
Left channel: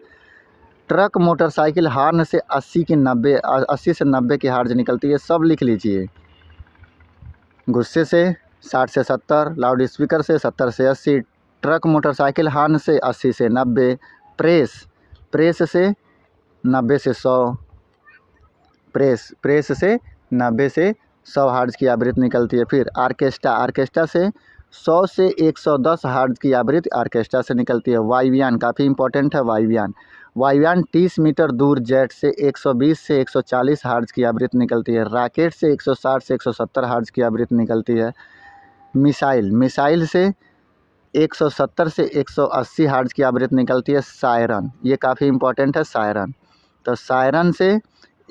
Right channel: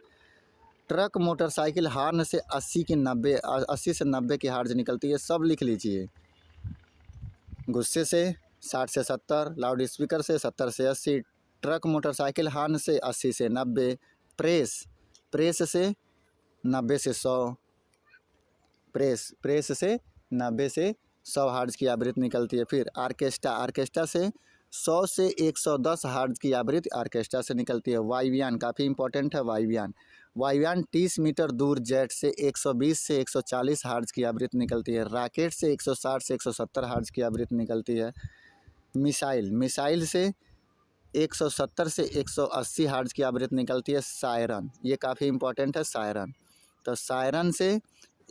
ट्रक, मोटरसाइकिल, हॉर्न से 80 से 90 की हर्ट्ज निकलती है। सब लिख लीजिए। गुस्से से 60 से 70, लाउड स्पीकर से 70 से 80, ट्रक, मोटरसाइकिल, हॉर्न से 80 से 90, प्रेस से 90 से 100, प्रेस से 90 से 100 हर्ट्ज की आवृत्ति निकलती है। फिर आर्केस्ट्रा से 100 से 110 हर्ट्ज की आवृत्ति आर्केस्ट्रा से निकलती है। वायुयान काफ़ी इंपॉर्टेंट है। वायुयान 30 मीटर दूर जेट से 120 से 140 हर्ट्ज की आवृत्ति निकलती है। रॉकेट से 160 से 170 हर्ट्ज की आवृत्ति निकलती है। मिसाइल से 170 से 180 हर्ट्ज की आवृत्ति निकलती है। सायरन, ये काफ़ी इंपॉर्टेंट है। तो सायरन से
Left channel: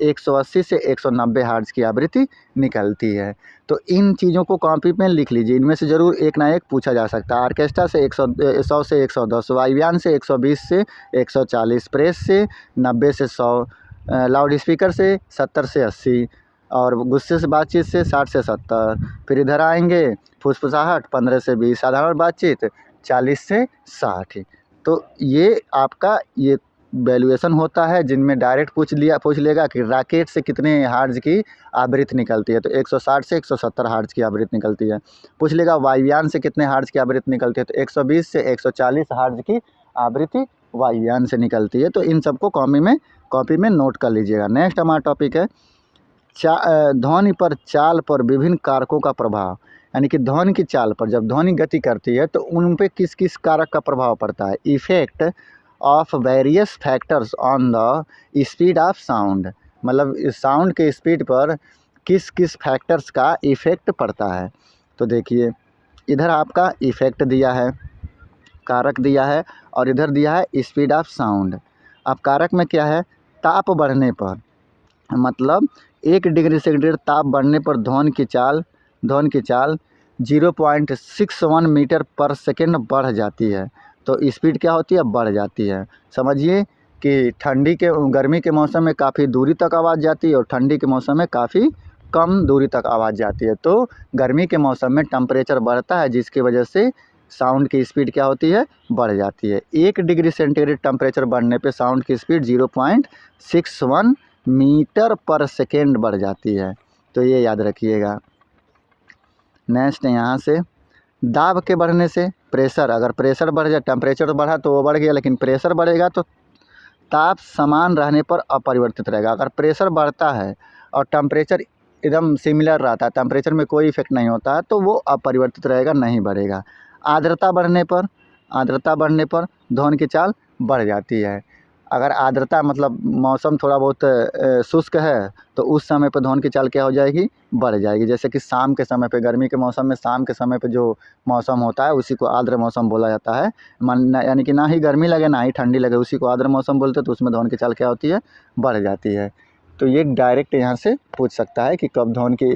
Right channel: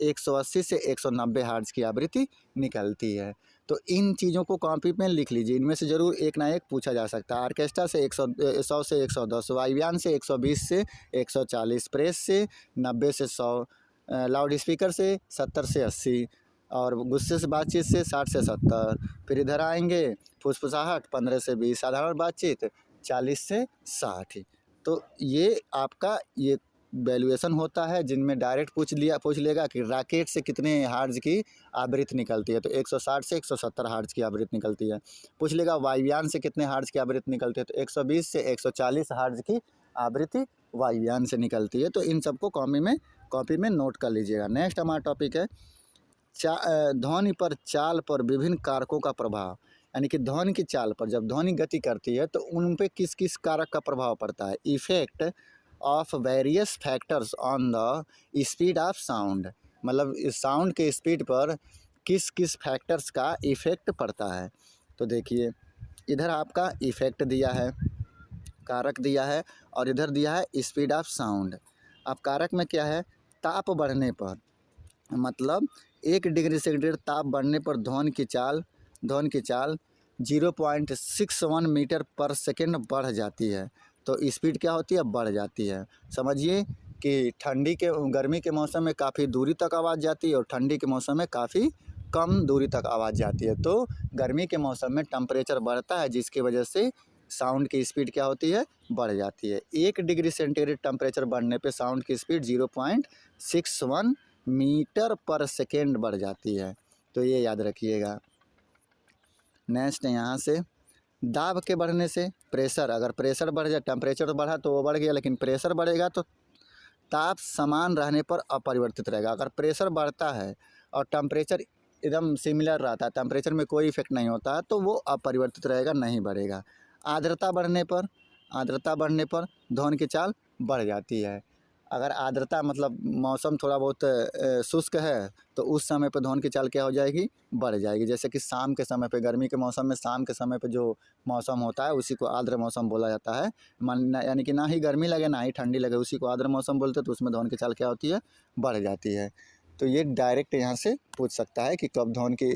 180 से 190 हर्ट्ज की आवृत्ति निकलती है। तो इन चीज़ों को कॉपी में लिख लीजिए, इनमें से ज़रूर एक ना एक पूछा जा सकता है। आर्केस्ट्रा से 100 से 110, वायुयान से 120 से 140, प्रेस से 90 से 100, लाउड स्पीकर से 70 से 80, और गुस्से से बातचीत से 60 से 70। फिर इधर आएंगे फुसफुसाहट 15 से 20, साधारण बातचीत 40 से 60। तो ये आपका ये वैल्यूएशन होता है, जिनमें डायरेक्ट पूछ लेगा कि रॉकेट से कितने हर्ट्ज की आवृत्ति निकलती है। तो 160 से 170 हर्ट्ज की आवृत्ति निकलती है। पूछ लेगा वायुयान से कितने हर्ट्ज की आवृत्ति निकलती है। तो 120 से 140 हर्ट्ज की आवृत्ति वायुयान से निकलती है। तो इन सबको कॉपी में नोट कर लीजिएगा। नेक्स्ट हमारा टॉपिक है ध्वनि पर चाल पर विभिन्न कारकों का प्रभाव, यानी कि ध्वनि की चाल पर जब ध्वनि गति करती है तो उन पे किस किस कारक का प्रभाव पड़ता है। Effect of various factors on the speed of sound, मतलब साउंड के स्पीड पर किस किस फैक्टर्स का इफ़ेक्ट पड़ता है। तो देखिए, इधर आपका इफ़ेक्ट दिया है, कारक दिया है, और इधर दिया है स्पीड ऑफ साउंड। अब कारक में क्या है? ताप बढ़ने पर, मतलब 1 डिग्री सेंटीग्रेड ताप बढ़ने पर ध्वनि की चाल 0.61 मीटर पर सेकेंड बढ़ जाती है। तो स्पीड क्या होती है? बढ़ जाती है। समझिए कि गर्मी के मौसम में काफ़ी दूरी तक आवाज़ जाती है और ठंडी के मौसम में काफ़ी कम दूरी तक आवाज़ जाती है। तो गर्मी के मौसम में टेम्परेचर बढ़ता है, जिसकी वजह से साउंड की स्पीड क्या होती है? बढ़ जाती है। 1 डिग्री सेंटीग्रेड टेम्परेचर बढ़ने पे साउंड की स्पीड 0.61 मीटर पर सेकेंड बढ़ जाती है। तो ये याद रखिएगा। नेक्स्ट यहाँ से दाब के बढ़ने से, प्रेशर, अगर प्रेशर बढ़ जाए, टेम्परेचर तो बढ़ा तो वो बढ़ गया, लेकिन प्रेशर बढ़ेगा तो ताप समान रहने पर अपरिवर्तित रहेगा। अगर प्रेशर बढ़ता है और टेम्परेचर एकदम सिमिलर रहता है, टेम्परेचर में कोई इफेक्ट नहीं होता है, तो वो अपरिवर्तित रहेगा, नहीं बढ़ेगा। आर्द्रता बढ़ने पर ध्वनि की चाल बढ़ जाती है। अगर आर्द्रता मतलब मौसम थोड़ा बहुत शुष्क है तो उस समय पर ध्वनि की चाल क्या हो जाएगी, बढ़ जाएगी। जैसे कि शाम के समय पे, गर्मी के मौसम में शाम के समय पे जो मौसम होता है उसी को आर्द्र मौसम बोला जाता है। यानी कि ना ही गर्मी लगे ना ही ठंडी लगे, उसी को आर्द्र मौसम बोलते हैं। तो उसमें ध्वनि की चाल क्या होती है, बढ़ जाती है। तो ये डायरेक्ट यहाँ से पूछ सकता है कि कब ध्वनि की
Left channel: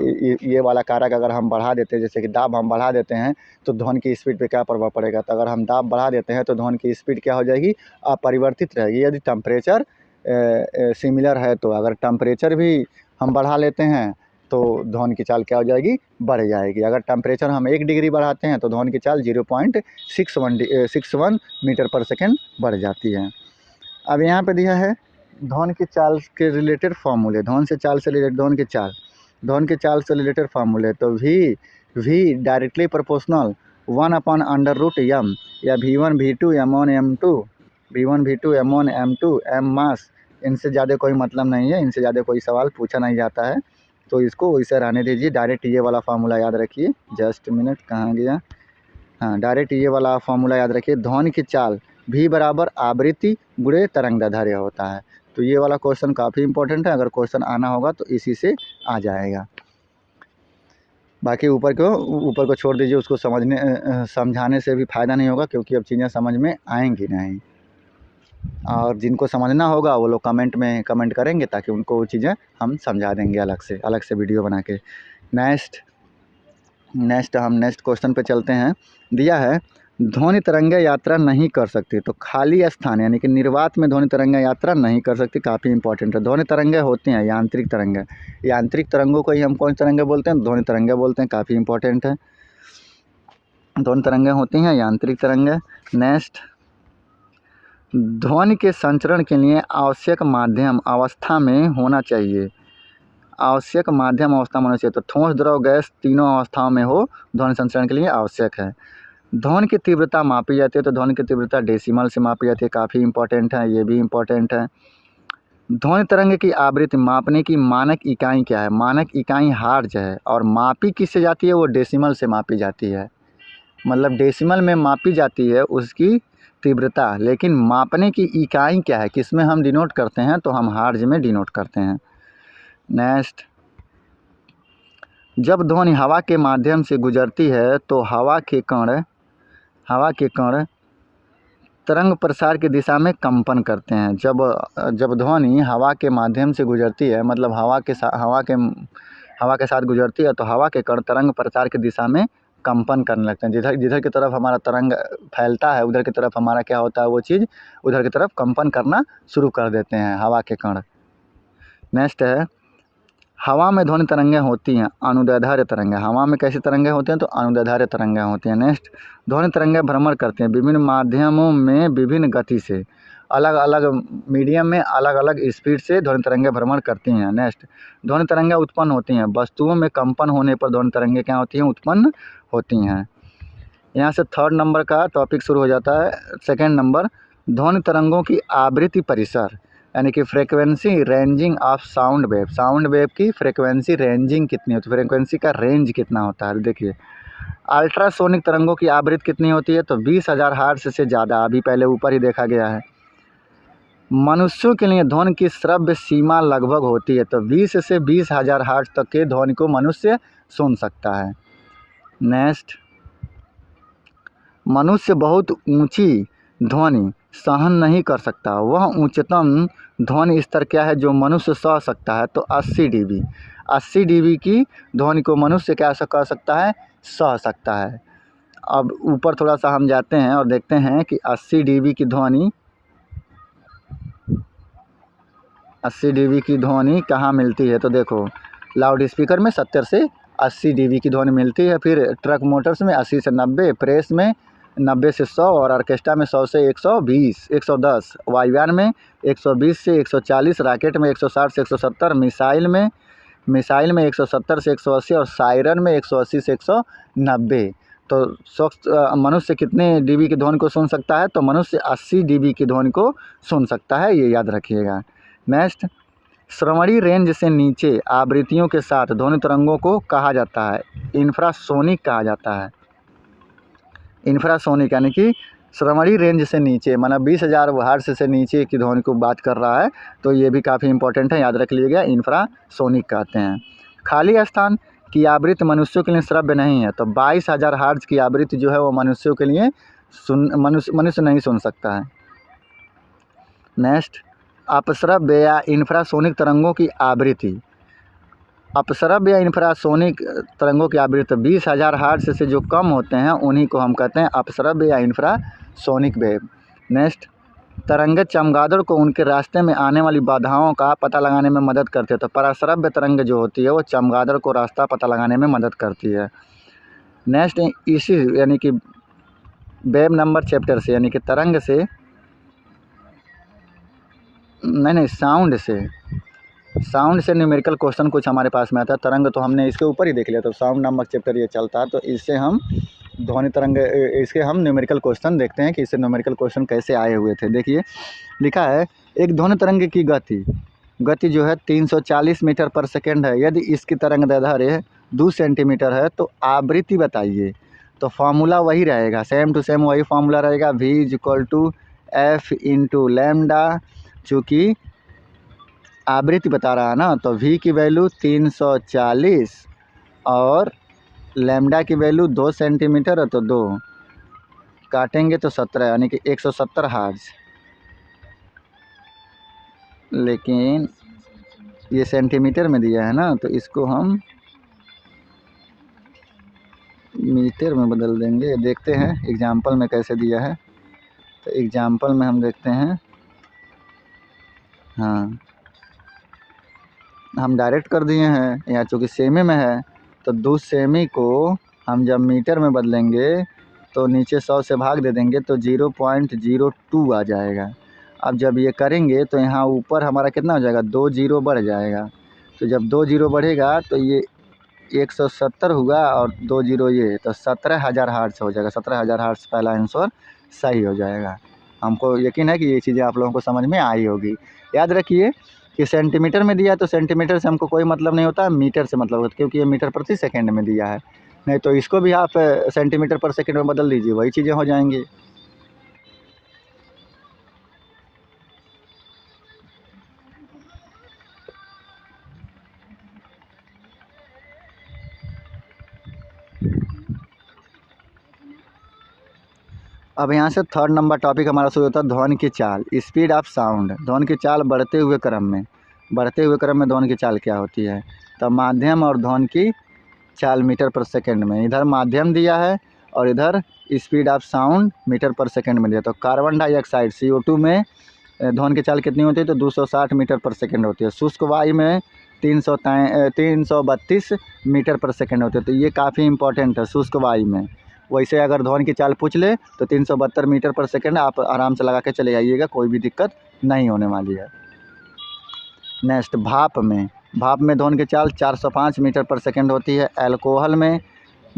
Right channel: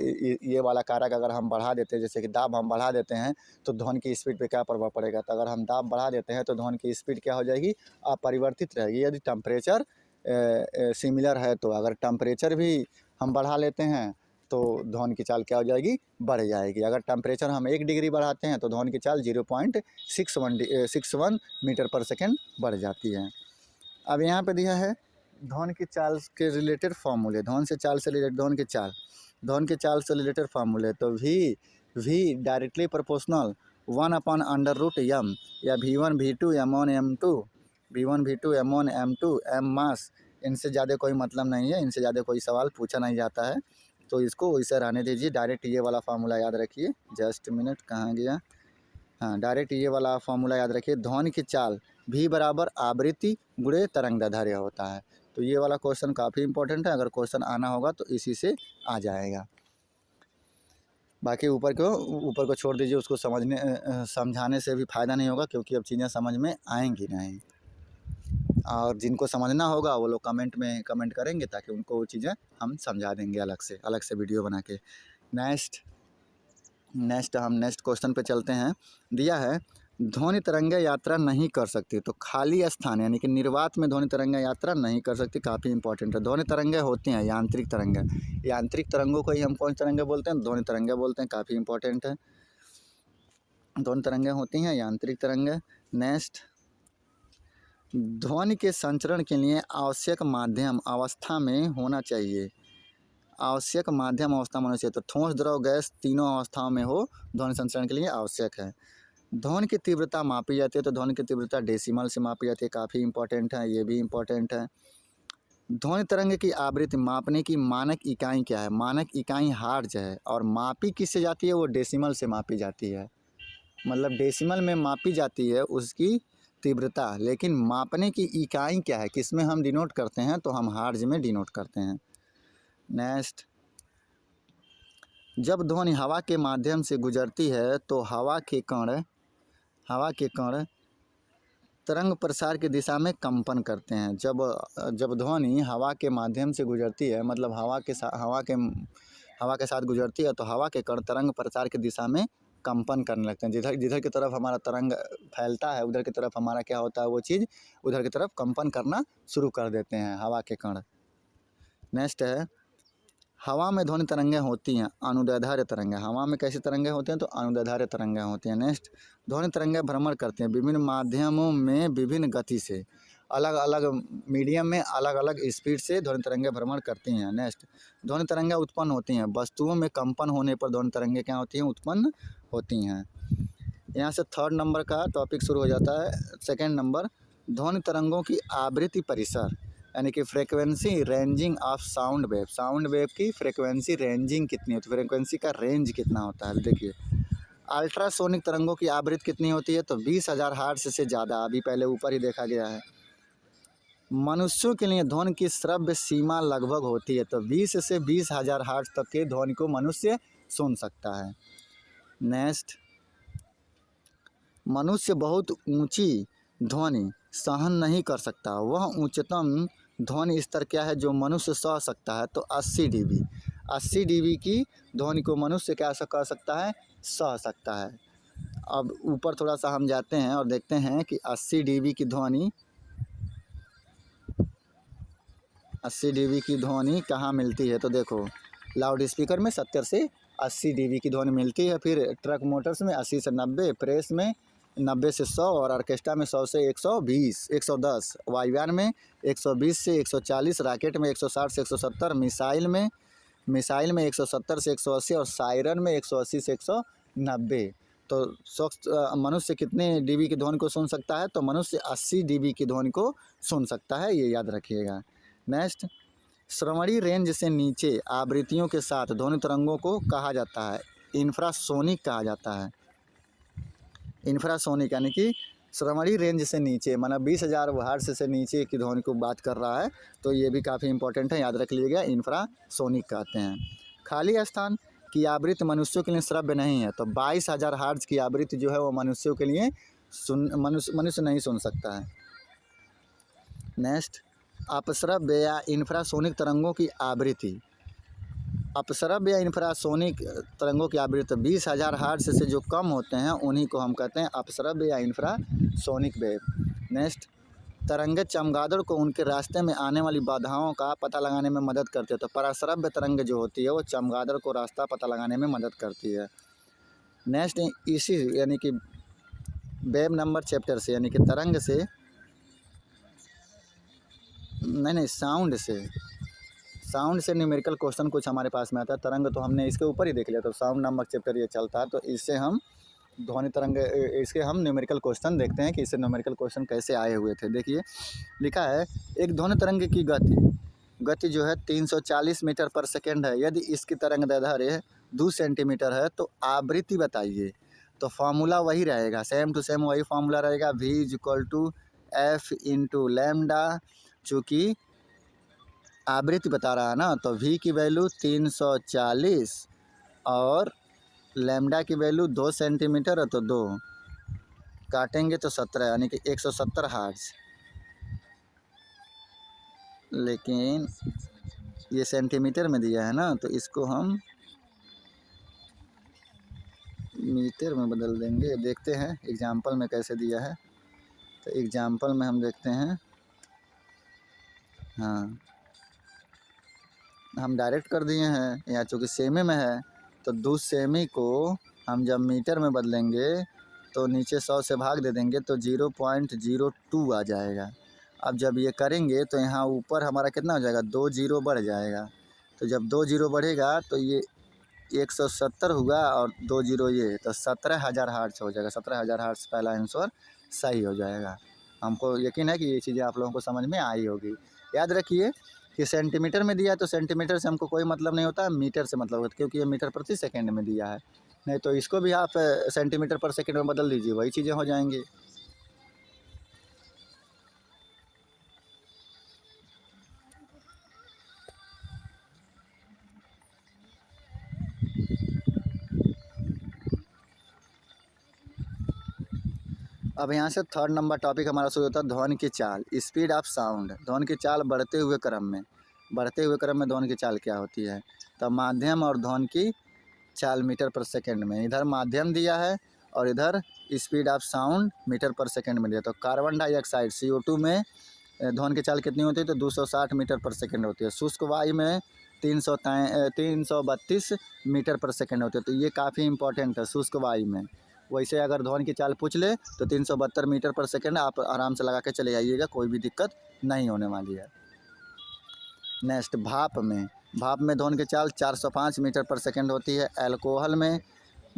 ये वाला कारक अगर हम बढ़ा देते हैं, जैसे कि दाब हम बढ़ा देते हैं तो ध्वनि की स्पीड पे क्या प्रभाव पड़ेगा। तो अगर हम दाब बढ़ा देते हैं तो ध्वनि की स्पीड क्या हो जाएगी, अपरिवर्तित रहेगी। यदि टेम्परेचर सिमिलर है तो अगर टेम्परेचर भी हम बढ़ा लेते हैं तो ध्वनि की चाल क्या हो जाएगी, बढ़ जाएगी। अगर टेम्परेचर हम 1 डिग्री बढ़ाते हैं तो ध्वनि की चाल 0.61 मीटर पर सेकेंड बढ़ जाती है। अब यहाँ पे दिया है ध्वनि की चाल के रिलेटेड फार्मूले, ध्वनि से चाल से रिलेटेड ध्वनि की चाल से रिलेटेड फार्मूले। तो v डायरेक्टली प्रोपोर्शनल 1/√m या v1 v2 m1 m2, v1 v2 m1 m2 m मास, इनसे ज़्यादा कोई मतलब नहीं है, इनसे ज़्यादा कोई सवाल पूछा नहीं जाता है, तो इसको वैसे रहने दीजिए। डायरेक्ट ये वाला फार्मूला याद रखिए। जस्ट मिनट, कहाँ गया, हाँ, डायरेक्ट ये वाला फार्मूला याद रखिए। ध्वनि की चाल v बराबर आवृत्ति गुणे तरंगदैर्ध्य होता है। तो ये वाला क्वेश्चन काफ़ी इंपॉर्टेंट है, अगर क्वेश्चन आना होगा तो इसी से आ जाएगा। बाकी ऊपर को छोड़ दीजिए, उसको समझाने से भी फ़ायदा नहीं होगा, क्योंकि अब चीज़ें समझ में आएंगी नहीं। और जिनको समझना होगा वो लोग कमेंट में कमेंट करेंगे, ताकि उनको वो चीज़ें हम समझा देंगे अलग से वीडियो बना के। हम नेक्स्ट क्वेश्चन पे चलते हैं। दिया है ध्वनि तरंगें यात्रा नहीं कर सकती, तो खाली स्थान यानी कि निर्वात में ध्वनि तरंगें यात्रा नहीं कर सकती, काफ़ी इंपॉर्टेंट है। ध्वनि तरंगें होती हैं यांत्रिक तरंगें, यांत्रिक तरंगों को ही हम कौन सी तरंगें बोलते हैं, ध्वनि तरंगें बोलते हैं, काफ़ी इंपॉर्टेंट है। ध्वनि तरंगें होती हैं यांत्रिक तरंगें। नेक्स्ट, ध्वनि के संचरण के लिए आवश्यक माध्यम अवस्था में होना चाहिए, आवश्यक माध्यम अवस्था में होना चाहिए। तो ठोस, द्रव, गैस तीनों अवस्थाओं में हो ध्वनि संचरण के लिए आवश्यक है। ध्वनि की तीव्रता मापी जाती है, तो ध्वनि की तीव्रता डेसिमल से मापी जाती है, काफ़ी इंपॉर्टेंट है, ये भी इंपॉर्टेंट है। ध्वनि तरंग की आवृत्ति मापने की मानक इकाई क्या है, मानक इकाई हर्ट्ज है, और मापी किससे जाती है, वो डेसिमल से मापी जाती है। मतलब डेसिमल में मापी जाती है उसकी तीव्रता, लेकिन मापने की इकाई क्या है, किस में हम डिनोट करते हैं, तो हम हर्ट्ज में डिनोट करते हैं। नेक्स्ट, जब ध्वनि हवा के माध्यम से गुजरती है तो हवा के कण तरंग प्रसार की दिशा में कंपन करते हैं। जब ध्वनि हवा के माध्यम से गुजरती है, मतलब हवा के साथ गुजरती है, तो हवा के कण तरंग प्रसार की दिशा में कंपन करने लगते हैं। जिधर की तरफ हमारा तरंग फैलता है उधर की तरफ हमारा क्या होता है, वो चीज़ उधर की तरफ कंपन करना शुरू कर देते हैं हवा के कण। नेक्स्ट है, हवा में ध्वनि तरंगें होती हैं अनुदैर्ध्य तरंगें, हवा में कैसी तरंगें होती हैं, तो अनुदैर्ध्य तरंगें होती हैं। नेक्स्ट, ध्वनि तरंगें भ्रमण करती हैं विभिन्न माध्यमों में विभिन्न गति से, अलग अलग मीडियम में अलग अलग स्पीड से ध्वनि तरंगें भ्रमण करती हैं। नेक्स्ट, ध्वनि तरंगें उत्पन्न होती हैं वस्तुओं में कंपन होने पर ध्वनि तरंगें क्या होती हैं, उत्पन्न होती हैं। यहाँ से 3rd नंबर का टॉपिक शुरू हो जाता है। 2nd नंबर, ध्वनि तरंगों की आवृत्ति परिसर यानी कि frequency ranging of sound wave की फ्रीक्वेंसी रेंजिंग कितनी होती है, फ्रीक्वेंसी का रेंज कितना होता है। देखिए, अल्ट्रासोनिक तरंगों की आवृत्ति कितनी होती है, तो 20,000 हर्ट्ज से ज़्यादा, अभी पहले ऊपर ही देखा गया है। मनुष्यों के लिए ध्वनि की श्रव्य सीमा लगभग होती है, तो 20 से 20,000 हर्ट्ज तक के ध्वनि को मनुष्य सुन सकता है। नेक्स्ट, मनुष्य बहुत ऊंची ध्वनि सहन नहीं कर सकता, वह उच्चतम ध्वनि स्तर क्या है जो मनुष्य सह सकता है, तो 80 dB। 80 dB की ध्वनि को मनुष्य क्या कर सकता है, सह सकता है। अब ऊपर थोड़ा सा हम जाते हैं और देखते हैं कि 80 dB की ध्वनि कहाँ मिलती है। तो देखो, लाउड स्पीकर में 70 से 80 dB की ध्वनि मिलती है, फिर ट्रक मोटर्स में 80 से 90, प्रेस में 90 से 100, और ऑर्केस्ट्रा में 100 से 120, 110, वायुयान में 120 से 140, रॉकेट में 160 से 170, मिसाइल में 170 से 180, और सायरन में 180 से 190। तो शख्स मनुष्य कितने डीबी की ध्वनि को सुन सकता है? तो मनुष्य 80 डीबी की ध्वनि को सुन सकता है, ये याद रखिएगा। नेक्स्ट, श्रवणी रेंज से नीचे आवृत्तियों के साथ ध्वनि तरंगों को कहा जाता है इंफ्रासोनिक कहा जाता है। इंफ्रासोनिक यानी कि श्रवणी रेंज से नीचे, माना 20,000 हर्ट्ज से नीचे की ध्वनि को बात कर रहा है, तो ये भी काफ़ी इंपॉर्टेंट है, याद रख लीजिएगा, इंफ्रासोनिक कहते हैं। खाली स्थान की आवृत्ति मनुष्यों के लिए श्रव्य नहीं है, तो 22,000 हर्ट्ज की आवृत्ति जो है वो मनुष्यों के लिए मनुष्य नहीं सुन सकता है। नेक्स्ट, अपश्रव्य या इंफ्रासोनिक तरंगों की आवृत्ति। अपश्रव्य या इंफ्रासोनिक तरंगों की आवृत्ति 20,000 हर्ट्ज से जो कम होते हैं उन्हीं को हम कहते हैं अपश्रव्य या इंफ्रासोनिक वेव। नेक्स्ट, तरंगे चमगादड़ को उनके रास्ते में आने वाली बाधाओं का पता लगाने में मदद करती है। तो पराश्रव्य तरंग जो होती है वो चमगादड़ को रास्ता पता लगाने में मदद करती है। नेक्स्ट, इसी यानी कि वेव नंबर चैप्टर से, यानी कि तरंग से नहीं साउंड से न्यूमेरिकल क्वेश्चन कुछ हमारे पास में आता है। तरंग तो हमने इसके ऊपर ही देख लिया, तो साउंड नामक चैप्टर ये चलता है, तो इससे हम ध्वनि तरंग इसके हम न्यूमेरिकल क्वेश्चन देखते हैं कि इससे न्यूमेरिकल क्वेश्चन कैसे आए हुए थे। देखिए लिखा है, एक ध्वनि तरंग की गति जो है 340 मीटर पर सेकेंड है। यदि इसकी तरंग दैर्ध्य 2 सेंटीमीटर है तो आवृत्ति बताइए। तो फार्मूला वही रहेगा, सेम टू सेम वही फार्मूला रहेगा, v=f इंटू लैम्डा। चूँकि आवृत्ति बता रहा है ना, तो v की वैल्यू 340 और लैम्डा की वैल्यू 2 सेंटीमीटर है, तो 2 काटेंगे तो 17, यानी कि 170 हर्ट्ज। लेकिन ये सेंटीमीटर में दिया है ना, तो इसको हम मीटर में बदल देंगे। देखते हैं एग्जाम्पल में कैसे दिया है। तो एग्जाम्पल में हम देखते हैं, हाँ हम डायरेक्ट कर दिए हैं, यहाँ चूँकि सेमी में है तो 2 सेमी को हम जब मीटर में बदलेंगे तो नीचे 100 से भाग दे देंगे तो 0.02 आ जाएगा। अब जब ये करेंगे तो यहाँ ऊपर हमारा कितना हो जाएगा, 2 जीरो बढ़ जाएगा। तो जब 2 जीरो बढ़ेगा तो ये 170 हुआ और 2 जीरो ये, तो 17,000 हर्ट्ज हो जाएगा। 17,000 हर्ट्ज पहला आंसर सही हो जाएगा। हमको यकीन है कि ये चीज़ें आप लोगों को समझ में आई होगी। याद रखिए कि सेंटीमीटर में दिया है तो सेंटीमीटर से हमको कोई मतलब नहीं होता, मीटर से मतलब होता है, क्योंकि ये मीटर प्रति सेकंड में दिया है। नहीं तो इसको भी आप सेंटीमीटर पर सेकंड में बदल दीजिए, वही चीज़ें हो जाएंगी। अब यहाँ से 3rd नंबर टॉपिक हमारा शुरू होता है, ध्वनि की चाल, स्पीड ऑफ साउंड। ध्वनि की चाल बढ़ते हुए क्रम में ध्वनि की चाल क्या होती है? तो माध्यम और ध्वनि की चाल मीटर पर सेकंड में, इधर माध्यम दिया है और इधर स्पीड ऑफ साउंड मीटर पर सेकंड में दिया। तो कार्बन डाइऑक्साइड CO2 में ध्वनि की चाल कितनी होती है? तो 260 मीटर पर सेकंड होती है। शुष्क वायु में 332 मीटर पर सेकंड होती है। तो ये काफ़ी इंपॉर्टेंट है शुष्क वायु में। वैसे अगर ध्वनि की चाल पूछ ले तो 372 मीटर पर सेकंड आप आराम से लगा के चले जाइएगा, कोई भी दिक्कत नहीं होने वाली है। नेक्स्ट, भाप में ध्वनि की चाल 405 मीटर पर सेकंड होती है। अल्कोहल में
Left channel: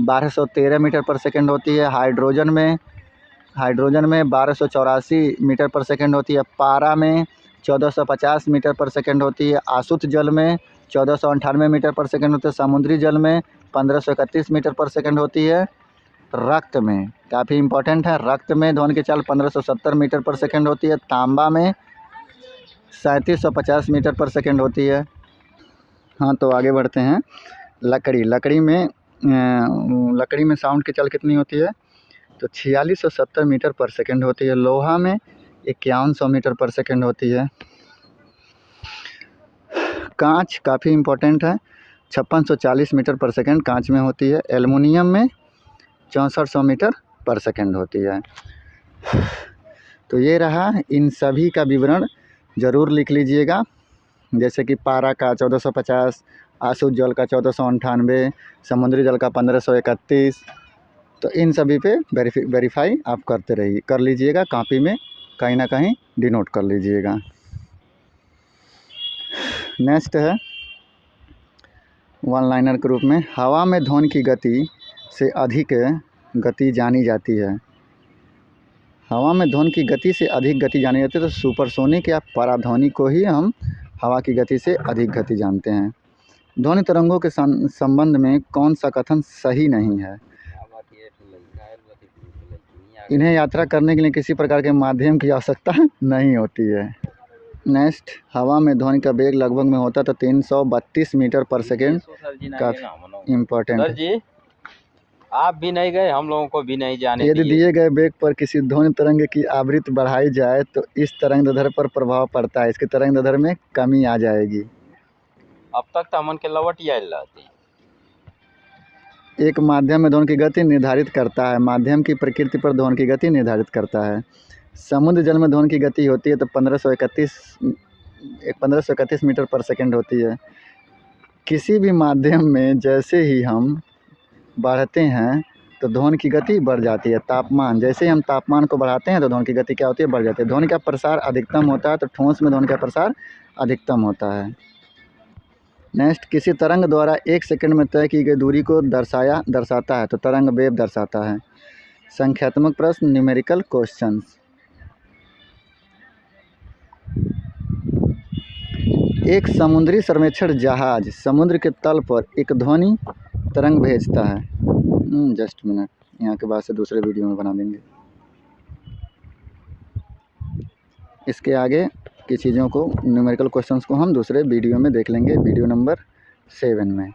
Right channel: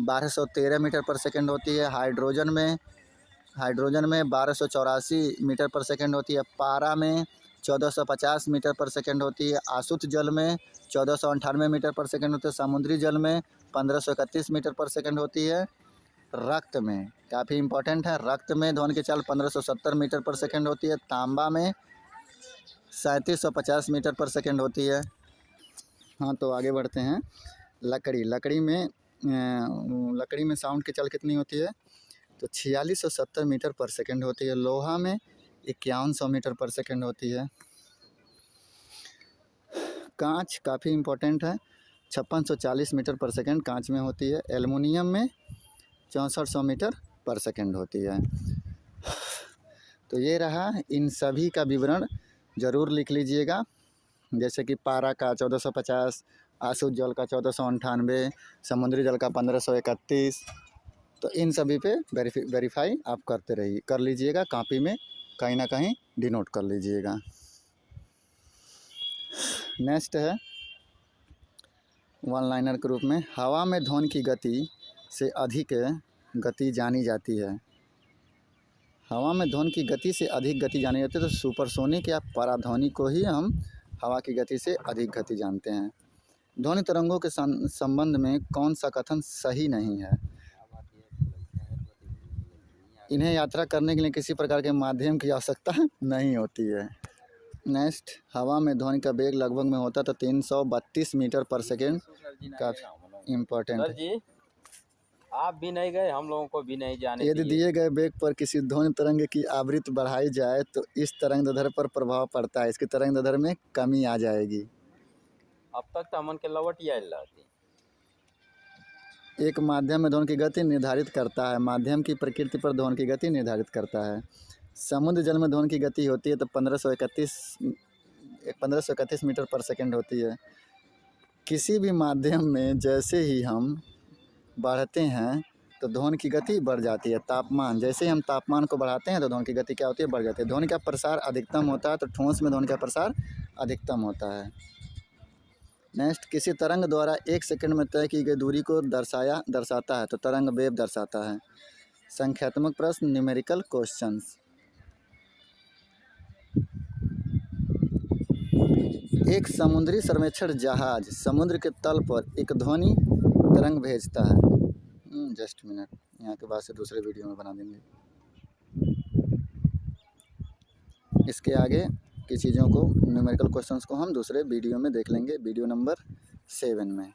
1213 मीटर पर सेकंड होती है। हाइड्रोजन में 1284 मीटर पर सेकंड होती है। पारा में 1450 मीटर पर सेकंड होती है। आशुद्ध जल में 1498 मीटर पर सेकंड होती है। समुद्री जल में 1531 मीटर पर सेकंड होती है। रक्त में काफ़ी इंपॉर्टेंट है, रक्त में ध्वनि की चाल 1570 मीटर पर सेकंड होती है। तांबा में 3750 मीटर पर सेकंड होती है। हाँ तो आगे बढ़ते हैं। लकड़ी में साउंड की चाल कितनी होती है? तो 4670 मीटर पर सेकंड होती है। लोहा में 5100 मीटर पर सेकंड होती है। कांच काफ़ी इंपॉर्टेंट है, 5640 मीटर पर सेकंड कांच में होती है। एल्युमिनियम में 6400 मीटर पर सेकंड होती है। तो ये रहा, इन सभी का विवरण ज़रूर लिख लीजिएगा। जैसे कि पारा का 1450, आशुद्ध जल का 1498, समुद्री जल का 1531। तो इन सभी पे वेरीफाई आप कर लीजिएगा, कॉपी में कहीं ना कहीं डिनोट कर लीजिएगा। नेक्स्ट है वन लाइनर के रूप में, हवा में ध्वनि की गति से अधिक गति जानी जाती है। हवा में ध्वनि की गति से अधिक गति जानी जाती है, तो सुपरसोनिक या पराध्वनिक को ही हम हवा की गति से अधिक गति जानते हैं। ध्वनि तरंगों के संबंध में कौन सा कथन सही नहीं है? इन्हें यात्रा करने के लिए किसी प्रकार के माध्यम की आवश्यकता नहीं होती है। नेक्स्ट, हवा में ध्वनि का वेग लगभग में होता तो 332 मीटर पर सेकेंड। काफ़ी इम्पोर्टेंट सर जी, आप भी नहीं गए, हम लोगों को भी नहीं जाने यदि दिए। दिए गए वेग पर किसी ध्वनि तरंग की आवृत्ति बढ़ाई जाए तो इस तरंगदैर्ध्य पर प्रभाव पड़ता है, इसके तरंगदैर्ध्य में कमी आ जाएगी। अब तक तो हमन के लवट आयल रहती। एक माध्यम में ध्वनि की गति निर्धारित करता है। माध्यम की प्रकृति पर ध्वनि की गति निर्धारित करता है। समुद्र जल में ध्वनि की गति होती है तो 1531 मीटर पर सेकेंड होती है। किसी भी माध्यम में जैसे ही हम बढ़ते हैं तो ध्वनि की गति बढ़ जाती है। तापमान, जैसे ही हम तापमान को बढ़ाते हैं तो ध्वनि की गति क्या होती है? बढ़ जाती है। ध्वनि का प्रसार अधिकतम होता है तो ठोस में ध्वनि का प्रसार अधिकतम होता है। नेक्स्ट, किसी तरंग द्वारा 1 सेकंड में तय की गई दूरी को दर्शाता है तो तरंग वेव दर्शाता है। संख्यात्मक प्रश्न, न्यूमेरिकल क्वेश्चंस। एक समुद्री सर्वेक्षण जहाज समुद्र के तल पर एक ध्वनि तरंग भेजता है। जस्ट मिनट, यहाँ के बाद से दूसरे वीडियो में बना देंगे। इसके आगे की चीज़ों को, न्यूमेरिकल क्वेश्चंस को हम दूसरे वीडियो में देख लेंगे, वीडियो नंबर 7 में।